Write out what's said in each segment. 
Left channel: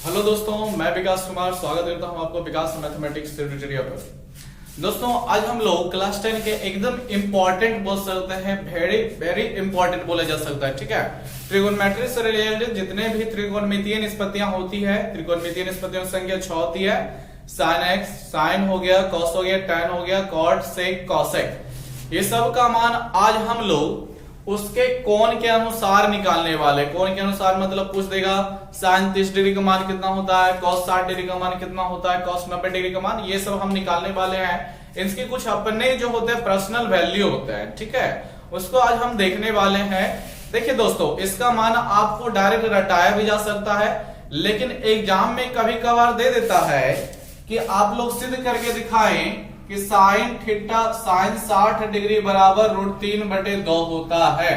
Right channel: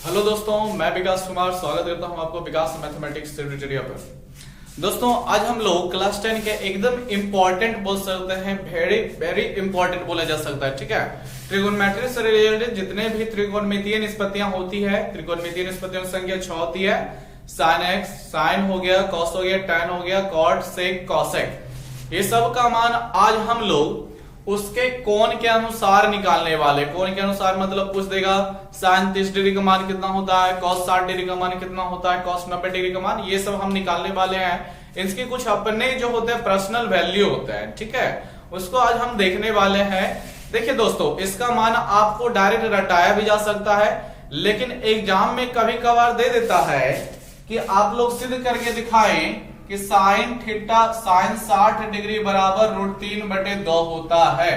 Hello दोस्तों, मैं विकास कुमार स्वागत करता हूं आपको विकास मैथमेटिक्स ट्यूटोरियल पर। दोस्तों, आज हम लोग क्लास 10 के एकदम इंपॉर्टेंट बोल सकते हैं, वेरी वेरी इंपॉर्टेंट बोला जा सकता है। ठीक है, ट्रिगोनोमेट्री से रिलेटेड जितने भी त्रिकोणमितीय निष्पत्तियां होती है, त्रिकोणमितीय निष्पत्तियों की संख्या 6 होती है। साइन एक्स, साइन हो गया, कॉस हो गया, टैन हो गया, कॉट, सेक, कॉसेक, ये सब का मान आज हम लोग उसके कोण के अनुसार निकालने वाले। कोण के अनुसार मतलब पूछ देगा साइन 30 डिग्री का मान कितना होता है, कॉस 60 डिग्री का मान कितना होता है, कॉस 90 डिग्री का मान, ये सब हम निकालने वाले हैं। इनके कुछ अपने जो होते हैं पर्सनल वैल्यू होते हैं। ठीक है, उसको आज हम देखने वाले हैं। देखिए दोस्तों, इसका मान आपको डायरेक्ट रटाया भी जा सकता है, लेकिन एग्जाम में कभी कभार दे देता है कि आप लोग सिद्ध करके दिखाएं कि साइन थीटा साइन 60 डिग्री बराबर √3/2 होता है।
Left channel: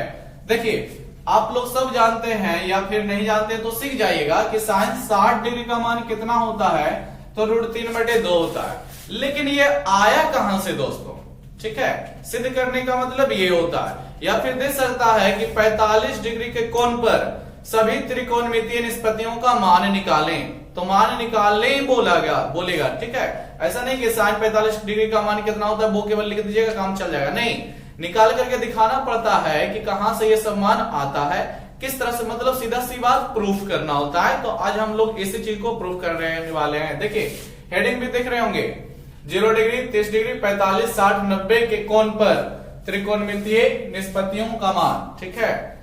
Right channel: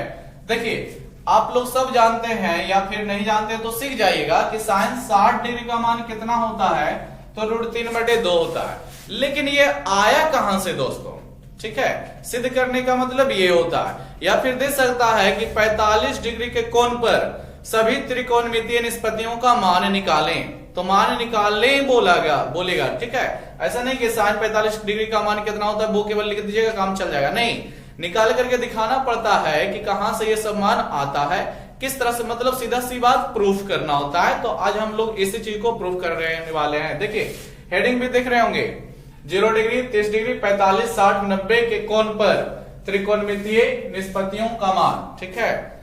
देखिए, आप लोग सब जानते हैं या फिर नहीं जानते तो सीख जाइएगा कि साइन 60 डिग्री का मान कितना होता है, तो √3/2 होता है। लेकिन ये आया कहां से दोस्तों? ठीक है, सिद्ध करने का मतलब ये होता है। या फिर दे सकता है कि 45 डिग्री के कोण पर सभी त्रिकोणमितीय निष्पत्तियों का मान निकालें, तो मान निकालने ही बोलेगा। ठीक है, ऐसा नहीं कि साइन 45 डिग्री का मान कितना होता है वो केवल लिख दीजिएगा, काम चल जाएगा। नहीं, निकाल करके दिखाना पड़ता है कि कहां से ये सब मान आता है, किस तरह से, मतलब सीधा सी बात प्रूफ करना होता है। तो आज हम लोग इसी चीज को प्रूफ कर रहे वाले हैं। देखिए, हेडिंग भी देख रहे होंगे, 0 डिग्री, 30 डिग्री, 45, 60, 90 के कोण पर त्रिकोणमितीय निष्पत्तियों का मान। ठीक है,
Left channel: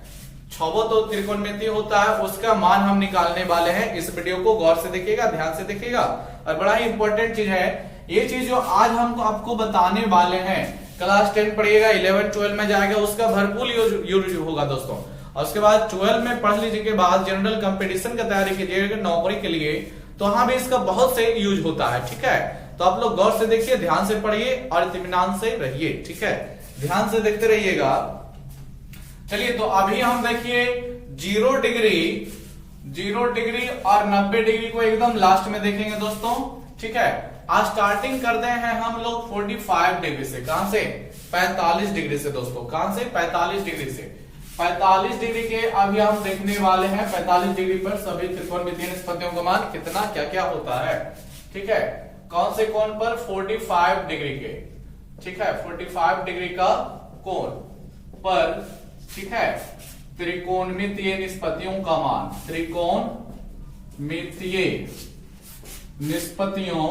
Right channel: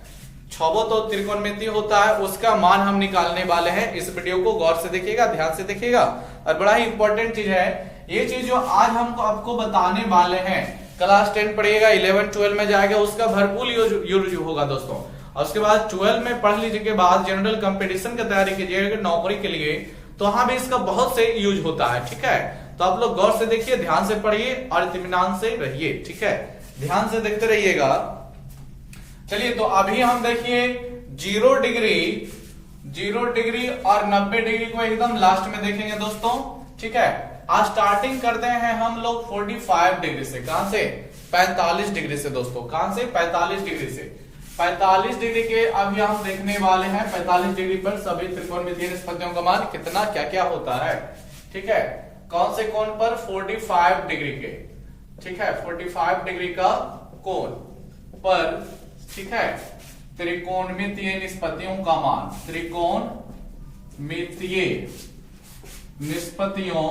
छबो तो त्रिकोणमितीय होता है, उसका मान हम निकालने वाले हैं। इस वीडियो को गौर से देखिएगा, ध्यान से देखिएगा, और बड़ा ही इंपॉर्टेंट चीज है ये चीज जो आज हम आपको बताने वाले हैं। क्लास 10 पढ़िएगा, 11, 12 में जाएगा, उसका भरपूर यूज होगा दोस्तों। और उसके बाद 12 में पढ़ लीजिए के बाद जनरल कंपटीशन की तैयारी कीजिएगा नौकरी के लिए, तो वहां भी इसका बहुत से यूज होता है। ठीक है, तो आप लोग गौर से देखिए, ध्यान से पढ़िए और इत्मीनान से रहिए। ठीक है, ध्यान से देखते रहिएगा। चलिए, तो अभी हम देखिए 0 डिग्री और 90 डिग्री को एकदम लास्ट में देखेंगे दोस्तों। ठीक है, आज स्टार्टिंग करते हैं हम लोग 45 डिग्री से। कहां से? 45 डिग्री से दोस्तों। कहां से? 45 डिग्री से। 45 डिग्री के अभी हम देखने वाले हैं। 45 डिग्री पर सभी त्रिकोणमितीय निष्पत्तियों का मान कितना क्या क्या होता है। ठीक है, कौन से कोण पर? 45 डिग्री के। ठीक है, 45 डिग्री का कोण पर, ठीक है, त्रिकोणमितीय निष्पत्तियों का मान, त्रिकोणमितीय निष्पत्तियों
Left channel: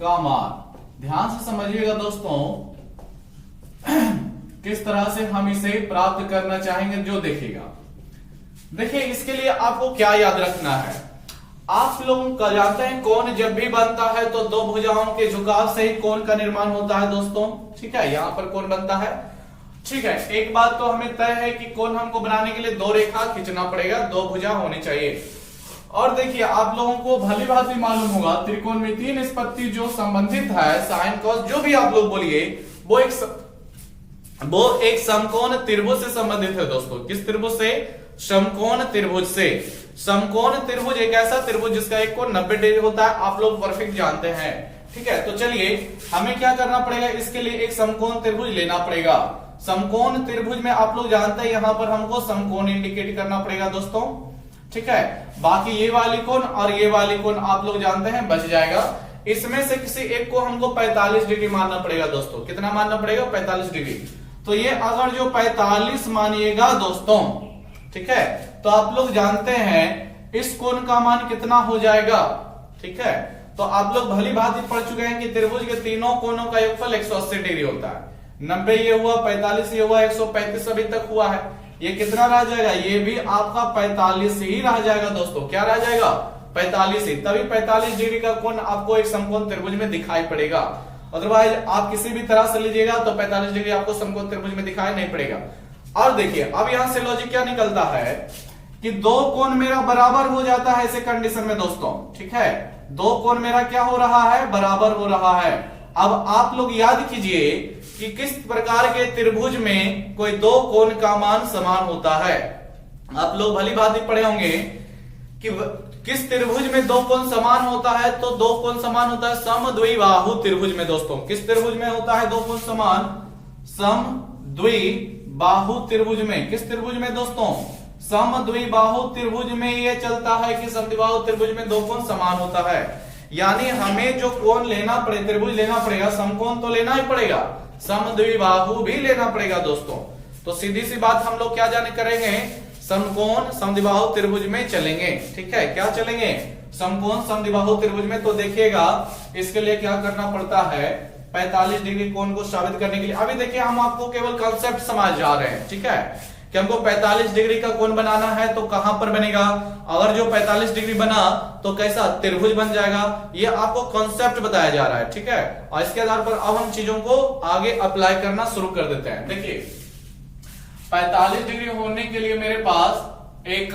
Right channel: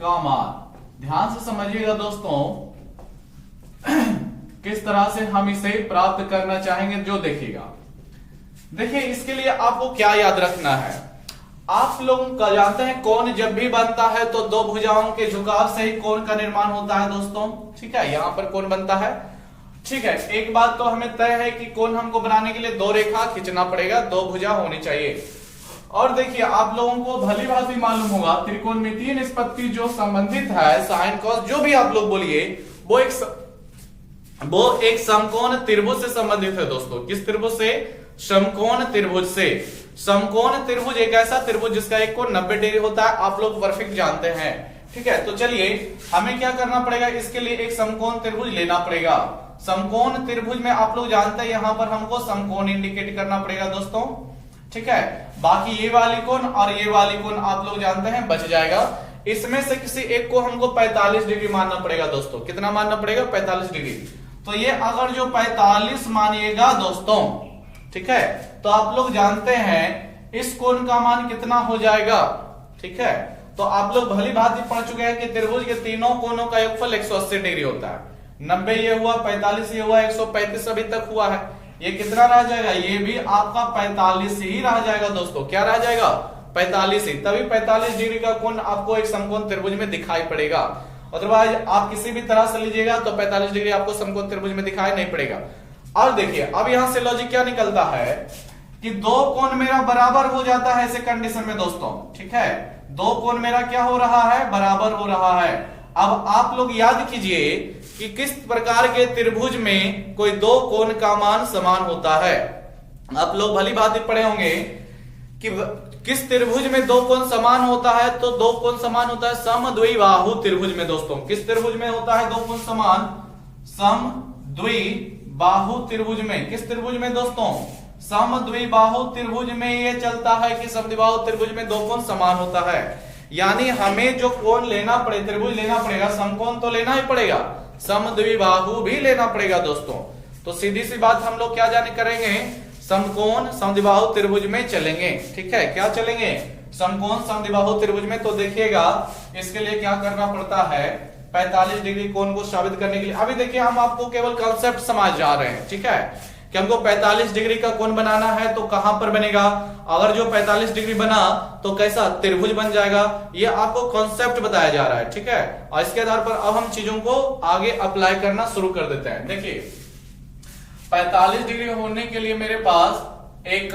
का मान। ध्यान से समझिएगा दोस्तों, किस तरह से हम इसे प्राप्त करना चाहेंगे जो देखिएगा। देखिए, इसके लिए आपको क्या याद रखना है, आप लोग जानते हैं कोण जब भी बनता है तो दो भुजाओं के झुकाव से ही कोण का निर्माण होता है दोस्तों। ठीक है, यहां पर कोण बनता है। ठीक है, एक बात तो हमें तय है कि कोण हमको बनाने के लिए दो रेखा खींचना पड़ेगा, दो भुजा होनी चाहिए। और देखिए, आप लोगों को भली बात भी मालूम होगा, त्रिकोणमितीय निष्पत्ति जो संबंधित है, साइन कॉस जो भी आप लोग बोलिए, वो एक समकोण त्रिभुज से संबंधित है दोस्तों। किस त्रिभुज से? समकोण त्रिभुज से। समकोण त्रिभुज एक ऐसा त्रिभुज जिसका एक कोण 90 डिग्री होता है, आप लोग परफेक्ट जानते हैं। ठीक है, तो चलिए हमें क्या करना पड़ेगा, इसके लिए एक समकोण त्रिभुज लेना पड़ेगा। समकोण त्रिभुज में आप लोग जानते हैं यहां पर हमको समकोण इंडिकेट करना पड़ेगा दोस्तों। ठीक है, बाकी ये वाली कोण और ये वाली कोण आप लोग जानते हैं, बच जाएगा। इसमें से किसी एक को हमको 45 डिग्री मानना पड़ेगा दोस्तों। कितना मानना पड़ेगा? 45 डिग्री। तो ये अगर जो 45 मानिएगा दोस्तों, ठीक है, तो आप लोग जानते हैं इस कोण का मान कितना हो जाएगा। ठीक है, तो आप लोग भली भांति पढ़ चुके हैं कि त्रिभुज के तीनों कोणों का योगफल 180 डिग्री होता है। 90 ये हुआ, 45 ये हुआ, 135 अभी तक हुआ है। ये कितना रह जाएगा? ये भी आपका 45 ही रह जाएगा दोस्तों। क्या रह जाएगा? 45 ही। तभी 45 डिग्री का कोण आपको एक समकोण त्रिभुज में दिखाई पड़ेगा। अदरवाइज आप किसी भी तरह से लीजिएगा तो 45 डिग्री आपको समकोण त्रिभुज में दिखाई नहीं पड़ेगा। और देखिए, अब यहां से लॉजिक क्या निकलता है कि दो कोण मेरा बराबर हो जाता है ऐसे कंडीशन में दोस्तों। ठीक है, दो कोण मेरा क्या हो रहा है? बराबर हो रहा है। अब आप लोग याद कीजिए कि किस प्रकार के त्रिभुज में कोई दो कोण का मान समान होता है। आप लोग भली भांति पढ़े होंगे कि किस त्रिभुज में दो कोण समान होता है, तो दो कोण समान होता है समद्विबाहु त्रिभुज में दोस्तों। किस त्रिभुज में होता है दो कोण समान? समद्विबाहु त्रिभुज में। किस त्रिभुज में दोस्तों? समद्विबाहु त्रिभुज में ये चलता है कि समद्विबाहु त्रिभुज में दो कोण समान होता है, यानी हमें जो कोण लेना पड़े, त्रिभुज लेना पड़ेगा, समकोण तो लेना ही पड़ेगा, समद्विबाहु भी लेना पड़ेगा दोस्तों। तो सीधी सी बात हम लोग क्या जाने करेंगे, समकोण समद्विबाहु त्रिभुज में चलेंगे। ठीक है, क्या चलेंगे, समकोण समद्विबाहु त्रिभुज में। तो देखिएगा इसके लिए क्या करना पड़ता है, 45 डिग्री कोण को साबित करने के लिए अभी देखिए हम आपको केवल कॉन्सेप्ट समझ जा रहे हैं। ठीक है, कि हमको 45 डिग्री का कोण बनाना है तो कहां पर बनेगा, अगर जो 45 डिग्री बना तो कैसा त्रिभुज बन जाएगा, ये आपको कॉन्सेप्ट बताया जा रहा है। ठीक है, और इसके आधार पर अब हम चीजों को आगे अप्लाई करना शुरू कर देते हैं। देखिए 45 डिग्री होने के लिए मेरे पास एक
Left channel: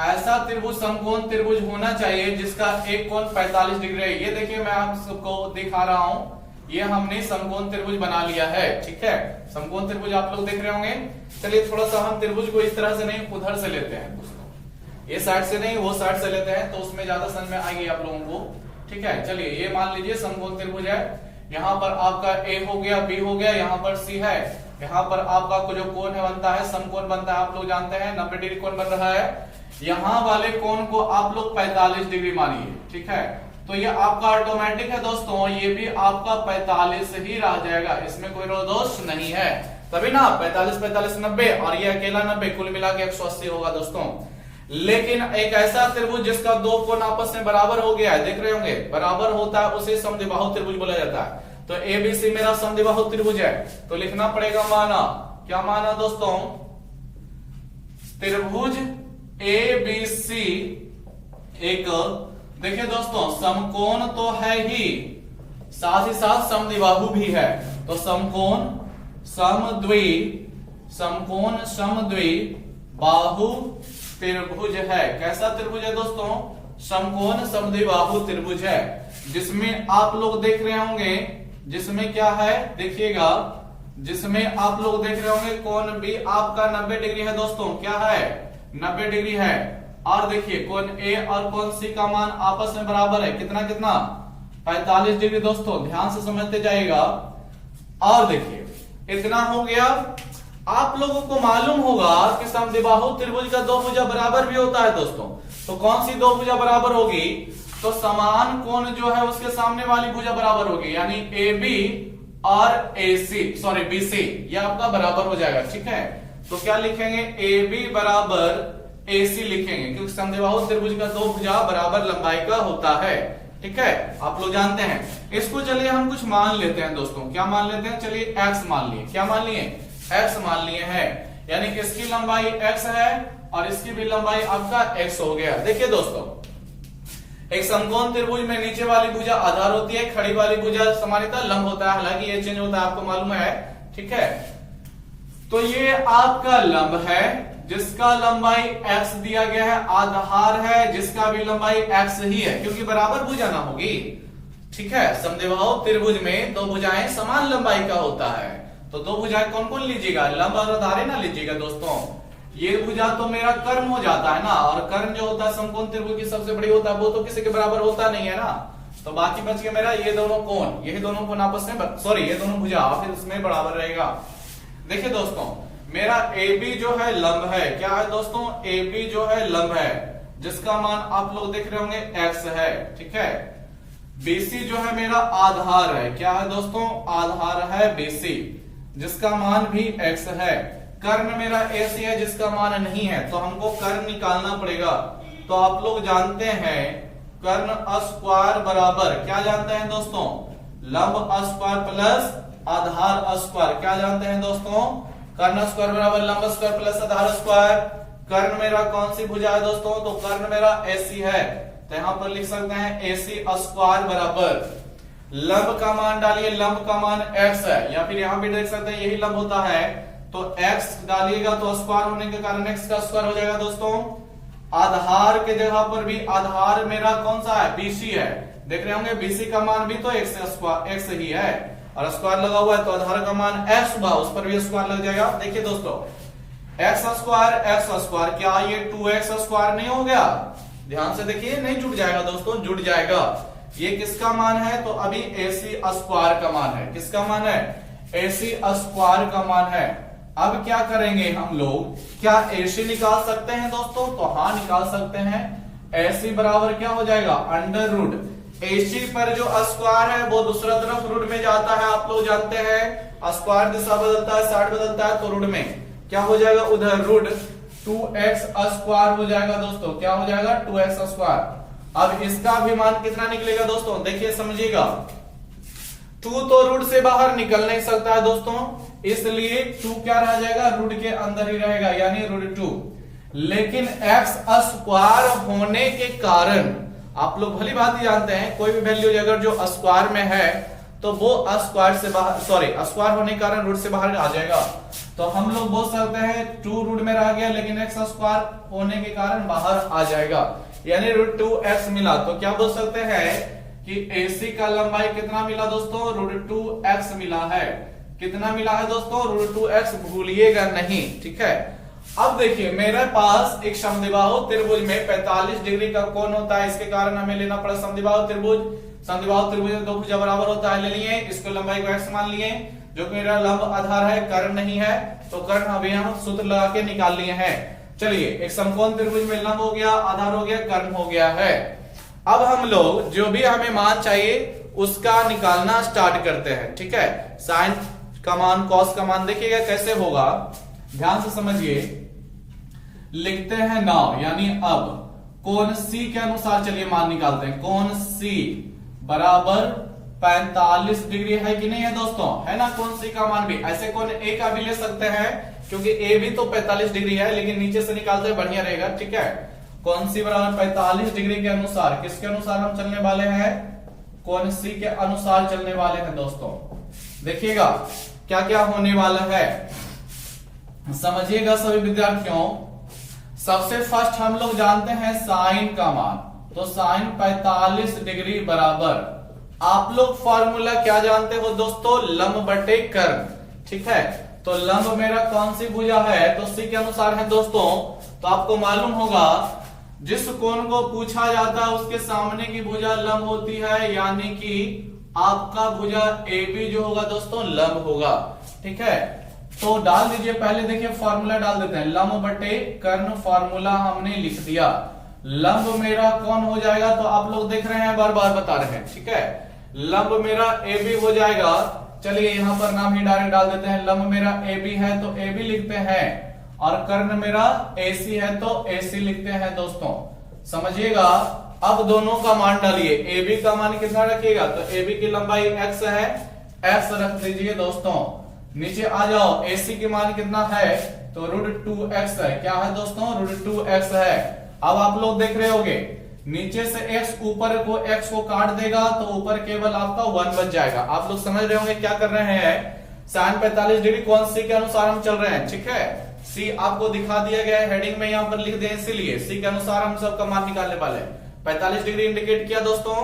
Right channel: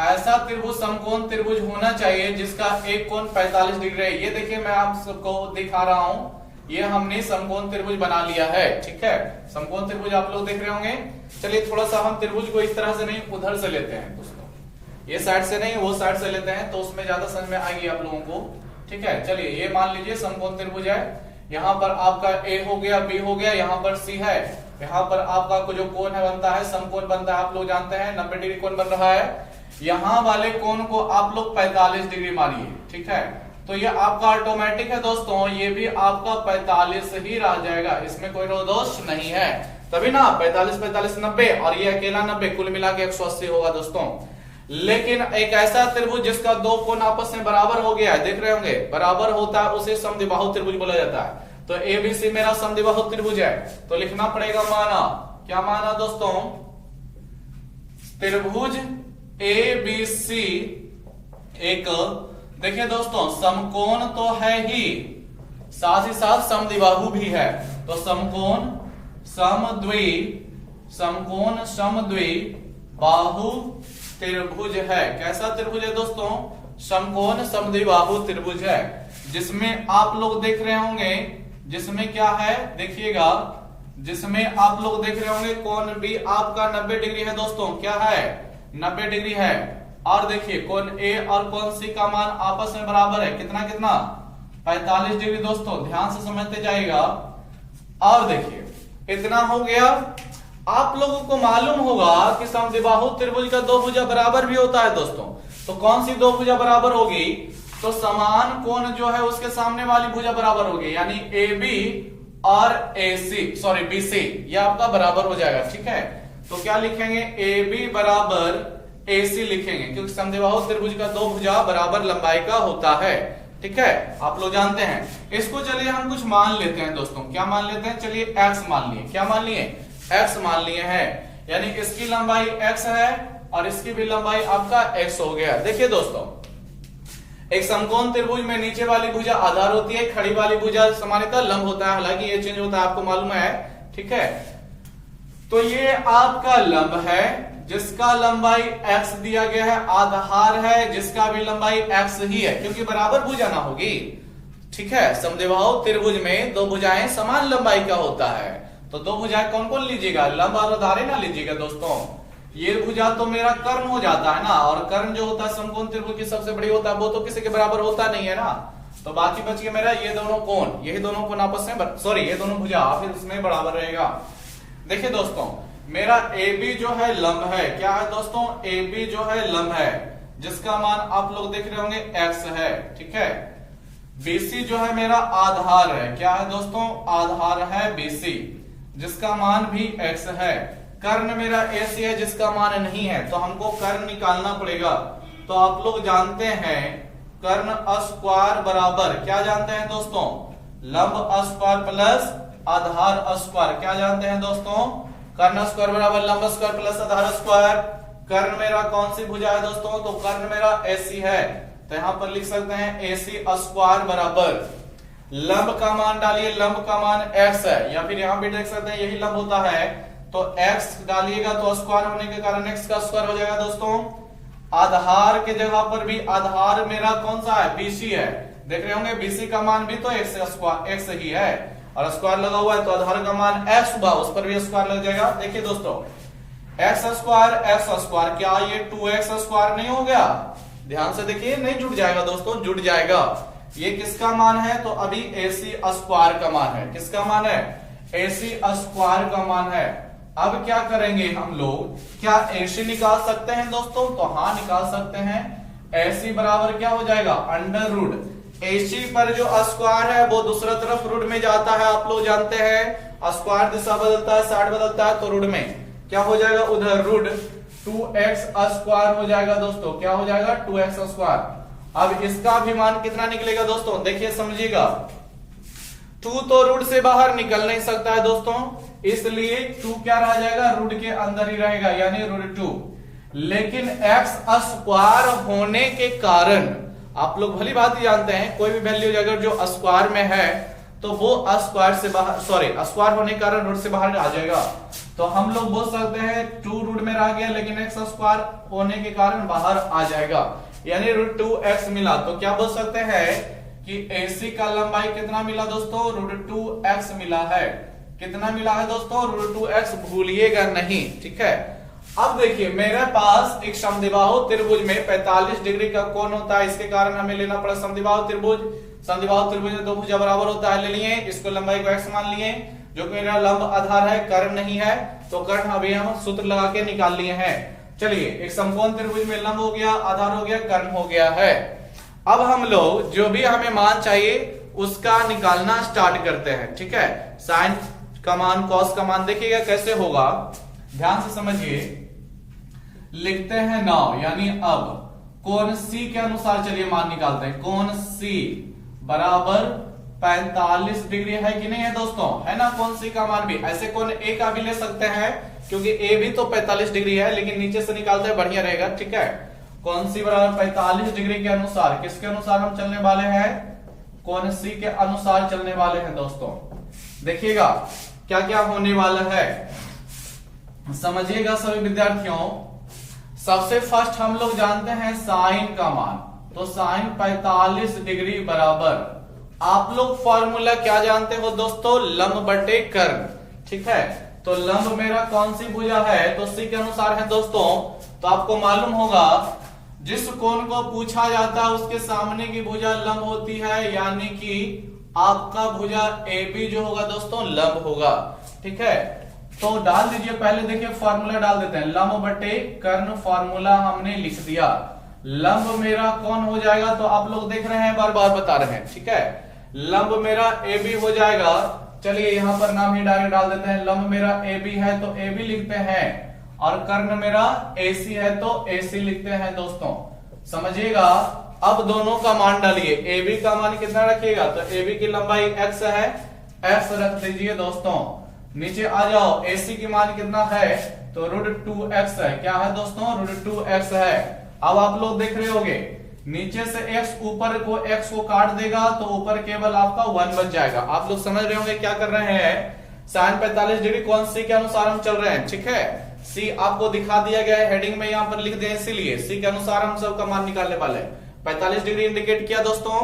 ऐसा त्रिभुज समकोण त्रिभुज होना चाहिए जिसका एक कोण 45 डिग्री है। ये देखिए मैं आप सबको दिखा रहा हूं, ये हमने समकोण त्रिभुज बना लिया है। ठीक है, समकोण त्रिभुज आप लोग देख रहे होंगे। चलिए थोड़ा सा हम त्रिभुज को इस तरह से नहीं उधर से लेते हैं दोस्तों, ये साइड से नहीं वो साइड से लेते हैं तो उसमें ज्यादा समझ में आएगी आप लोगों को। ठीक है, चलिए ये मान लीजिए समकोण त्रिभुज है, यहाँ पर आपका ए हो गया, बी हो गया, यहाँ पर सी है, यहाँ पर आपका जो कोण है बनता है समकोण बनता है, आप लोग जानते हैं 90 डिग्री कोण बन रहा है। यहाँ वाले कोण को आप लोग 45 डिग्री मानिए। ठीक है, तो ये आपका ऑटोमेटिक है दोस्तों, ये भी आपका 45 ही रह जाएगा, इसमें कोई दोष नहीं है। तभी ना 45 45 90 और ये अकेला 90 कुल मिला के 180 होगा दोस्तों। लेकिन एक ऐसा त्रिभुज जिसका दो कोण आपस में बराबर हो गया है, देख रहे होंगे बराबर होता है, उसे समद्विबाहु त्रिभुज बोला जाता है। तो एबीसी मेरा समद्विबाहु त्रिभुज है, तो लिखना पड़ेगा माना, क्या माना दोस्तों, त्रिभुज एबीसी एक, देखिए दोस्तों समकोण तो है ही साथ समद्विबाहु भी है। तो समकोण समद्विबाहु त्रिभुज है। कैसा त्रिभुज है दोस्तों, समकोण समद्विबाहु त्रिभुज है, जिसमें आप लोग देख रहे होंगे, जिसमें क्या है देखिएगा, जिसमें आप लोग देख रहे होंगे कोण भी आपका 90 डिग्री है दोस्तों, क्या है 90 डिग्री है। और देखिए कोण ए और कोण सी का मान आपस में बराबर है, कितना कितना 45 डिग्री दोस्तों, ध्यान से समझते जाएगा। और देखिए इतना हो गया। आप लोगों को मालूम होगा कि समद्विबाहु त्रिभुज का दो भुजा बराबर भी होता है दोस्तों। तो कौन सी दो भुजा बराबर होगी, तो समान कोण जो है उसके सामने वाली भुजा बराबर होगी, यानी ए बी और ए सी सॉरी बी सी, ये आपका बराबर हो जाएगा। ठीक है, तो क्या लिखेंगे, ए बी बराबर ए सी लिखेंगे, क्योंकि समद्विबाहु त्रिभुज का दो भुजा बराबर लंबाई का होता है। ठीक है, आप लोग जानते हैं इसको। चलिए हम कुछ मान लेते हैं दोस्तों, क्या मान लेते हैं, चलिए एक्स मान लिए, क्या मान लिए, एक्स मान लिए हैं, यानी इसकी लंबाई एक्स है और इसकी भी लंबाई आपका एक्स हो गया। देखिए दोस्तों एक समकोण त्रिभुज में नीचे वाली भुजा आधार होती है, खड़ी वाली भुजा समानिता लंब होता है, हालांकि ये चेंज होता है आपको मालूम है। ठीक है, तो ये आपका लंब है जिसका लंबाई x दिया गया है, आधार है जिसका भी लंबाई x ही है, क्योंकि बराबर भुजा ना होगी। ठीक है, समद्विबाहु त्रिभुज में दो भुजाएं समान लंबाई का होता है, तो दो भुजाएं कौन कौन लीजिएगा, लंब और आधार ना लीजिएगा दोस्तों। ये भुजा तो मेरा कर्ण हो जाता है ना, और कर्ण जो होता है समकोण त्रिभुज की सबसे बड़ी होता है, वो तो किसी के बराबर होता नहीं है ना। तो बाकी बच गया मेरा ये दोनों कोण, यही दोनों कोण आपस में सॉरी ये दोनों भुजा फिर उसमें बराबर रहेगा। देखिए दोस्तों मेरा AB जो है लंब है, क्या है दोस्तों, AB जो है लंब है जिसका मान आप लोग देख रहे होंगे x है। ठीक है, BC जो है मेरा आधार है, क्या है दोस्तों, आधार है BC जिसका मान भी x है। कर्ण मेरा AC है जिसका मान नहीं है, तो हमको कर्ण निकालना पड़ेगा। तो आप लोग जानते हैं कर्ण स्क्वायर बराबर क्या जानते हैं दोस्तों, लंब स्क्वायर प्लस आधार स्क्वायर, क्या जानते हैं दोस्तों, कर्ण स्क्वायर बराबर लंब स्क्वायर प्लस आधार स्क्वायर। कर्ण मेरा कौन सी भुजा है दोस्तों, तो कर्ण मेरा AC है, तो यहां पर लिख सकते हैं AC स्क्वायर बराबर लंब का मान डालिए, लंब का मान x है, या फिर यहां भी देख सकते हैं यही लंब होता है, तो x डालिएगा तो स्क्वायर होने के कारण x का स्क्वायर हो जाएगा दोस्तों। आधार के जगह पर भी आधार मेरा कौन सा है, BC है, देख रहे होंगे BC का मान भी तो x ही है, और स्क्वायर लगा हुआ है तो आधार का मान x हुआ, उस पर भी स्क्वायर लग जाएगा। देखिए दोस्तों x स्क्वायर क्या ये 2x स्क्वायर नहीं हो गया, ध्यान से देखिए, नहीं जुड़ जाएगा दोस्तों, जुड़ जाएगा। ये किसका मान है, तो अभी AC स्क्वायर का मान है, किसका मान है, AC स्क्वायर का मान है। अब क्या करेंगे हम लोग, क्या AC निकाल सकते हैं दोस्तों? तो हाँ निकाल सकते हैं। AC बराबर क्या हो जाएगा, अंडर रूट AC पर जो स्क्वायर है वो दूसरा तरफ रूट में जाता है, आप लोग जानते हैं स्क्वायर दिशा बदलता है, साइड बदलता है, तो रूट में क्या हो जाएगा, उधर रूट 2x स्क्वायर हो जाएगा दोस्तों। क्या हो जाएगा, 2x स्क्वायर। अब इसका भी मान कितना निकलेगा दोस्तों, देखिए समझिएगा। 2 तो रूट से बाहर निकल नहीं सकता है दोस्तों, इसलिए 2 क्या रह जाएगा, रूट के अंदर ही रहेगा, यानी रूट 2। लेकिन x स्क्वायर होने के कारण आप लोग भली बात ही जानते हैं, कोई भी वैल्यू अगर जो स्क्वायर में है तो वो स्क्वायर से बाहर, सॉरी स्क्वायर होने के कारण रूट से बाहर आ जाएगा। तो हम लोग बोल सकते हैं 2 रूट में रह गया, लेकिन x स्क्वायर होने के कारण बाहर आ जाएगा, यानी रूट 2x मिला। तो क्या बोल सकते हैं कि AC का लंबाई कितना मिला दोस्तों, रूट 2x मिला है। कितना मिला है दोस्तों, रूट 2x, भूलिएगा नहीं, ठीक है। अब देखिए मेरे पास एक समद्विबाहु त्रिभुज में 45 डिग्री का कोण होता है, इसके कारण हमें लेना पड़ा समद्विबाहु त्रिभुज। समद्विबाहु त्रिभुज में दो भुजा बराबर होता है, ले लिए, इसको लंबाई को x मान लिए, जो कि मेरा लंब आधार है, कर्ण नहीं है, तो कर्ण अभी हम सूत्र लगा के निकाल लिए हैं। चलिए एक समकोण त्रिभुज में लंब हो गया, आधार हो गया, कर्ण हो गया है। अब हम लोग जो भी हमें मान चाहिए उसका निकालना स्टार्ट करते हैं, ठीक है। साइन का मान, कॉस का मान, देखिएगा कैसे होगा, ध्यान से समझिए। लिखते हैं नाउ, यानी अब कोण C के अनुसार चलिए मान निकालते हैं। कोण C बराबर 45 डिग्री है कि नहीं है दोस्तों, है ना। कोण C का मान भी, ऐसे कोण A का भी ले सकते हैं, क्योंकि A भी तो 45 डिग्री है, लेकिन नीचे से निकालते हैं बढ़िया रहेगा, ठीक है। कोण C बराबर 45 डिग्री के अनुसार, किसके अनुसार हम चलने वाले हैं, कोण C के अनुसार चलने वाले हैं दोस्तों। देखिएगा क्या क्या होने वाला है, समझिएगा सभी विद्यार्थियों। सबसे फर्स्ट हम लोग जानते हैं साइन का मान, तो साइन 45 डिग्री बराबर, आप लोग फॉर्मूला क्या जानते हो दोस्तों, लंब बटे कर्ण, ठीक है। तो लंब मेरा कौन सी भुजा है, तो C के अनुसार है दोस्तों। तो आपको मालूम होगा जिस कोण को पूछा जाता है उसके सामने की भुजा लंब होती है, यानी कि आपका भुजा AB जो होगा दोस्तों लंब होगा, ठीक है। तो डाल दीजिए, पहले देखिए फॉर्मूला डाल देते हैं, लंब बटे कर्ण, फॉर्मूला हमने लिख दिया। लंब मेरा कौन हो जाएगा, तो आप लोग देख रहे हैं, बार बार बता रहे हैं, ठीक है। लंब मेरा AB हो जाएगा, चलिए यहां पर नाम ही डायरेक्ट डाल देते हैं। लंब मेरा AB है तो AB लिखते हैं, और कर्ण मेरा AC है तो AC लिखते हैं दोस्तों, समझिएगा। अब दोनों का मान डालिए, AB का मान कितना रखिएगा, तो AB की लंबाई x है, x रख दीजिए दोस्तों। नीचे आ जाओ, AC की मान कितना है, तो रूट 2x है। क्या है दोस्तों, रूट 2x है। अब आप लोग देख रहे होगे, नीचे से x ऊपर को x को काट देगा तो ऊपर केवल आपका 1 बच जाएगा। आप लोग समझ रहे होंगे क्या कर रहे हैं, साइन 45 डिग्री कोण C के अनुसार हम चल रहे हैं, ठीक है। C आपको दिखा दिया गया है, हेडिंग में यहाँ पर लिख दें, इसीलिए C के अनुसार हम सबका मान निकालने वाले हैं। 45 डिग्री इंडिकेट किया दोस्तों,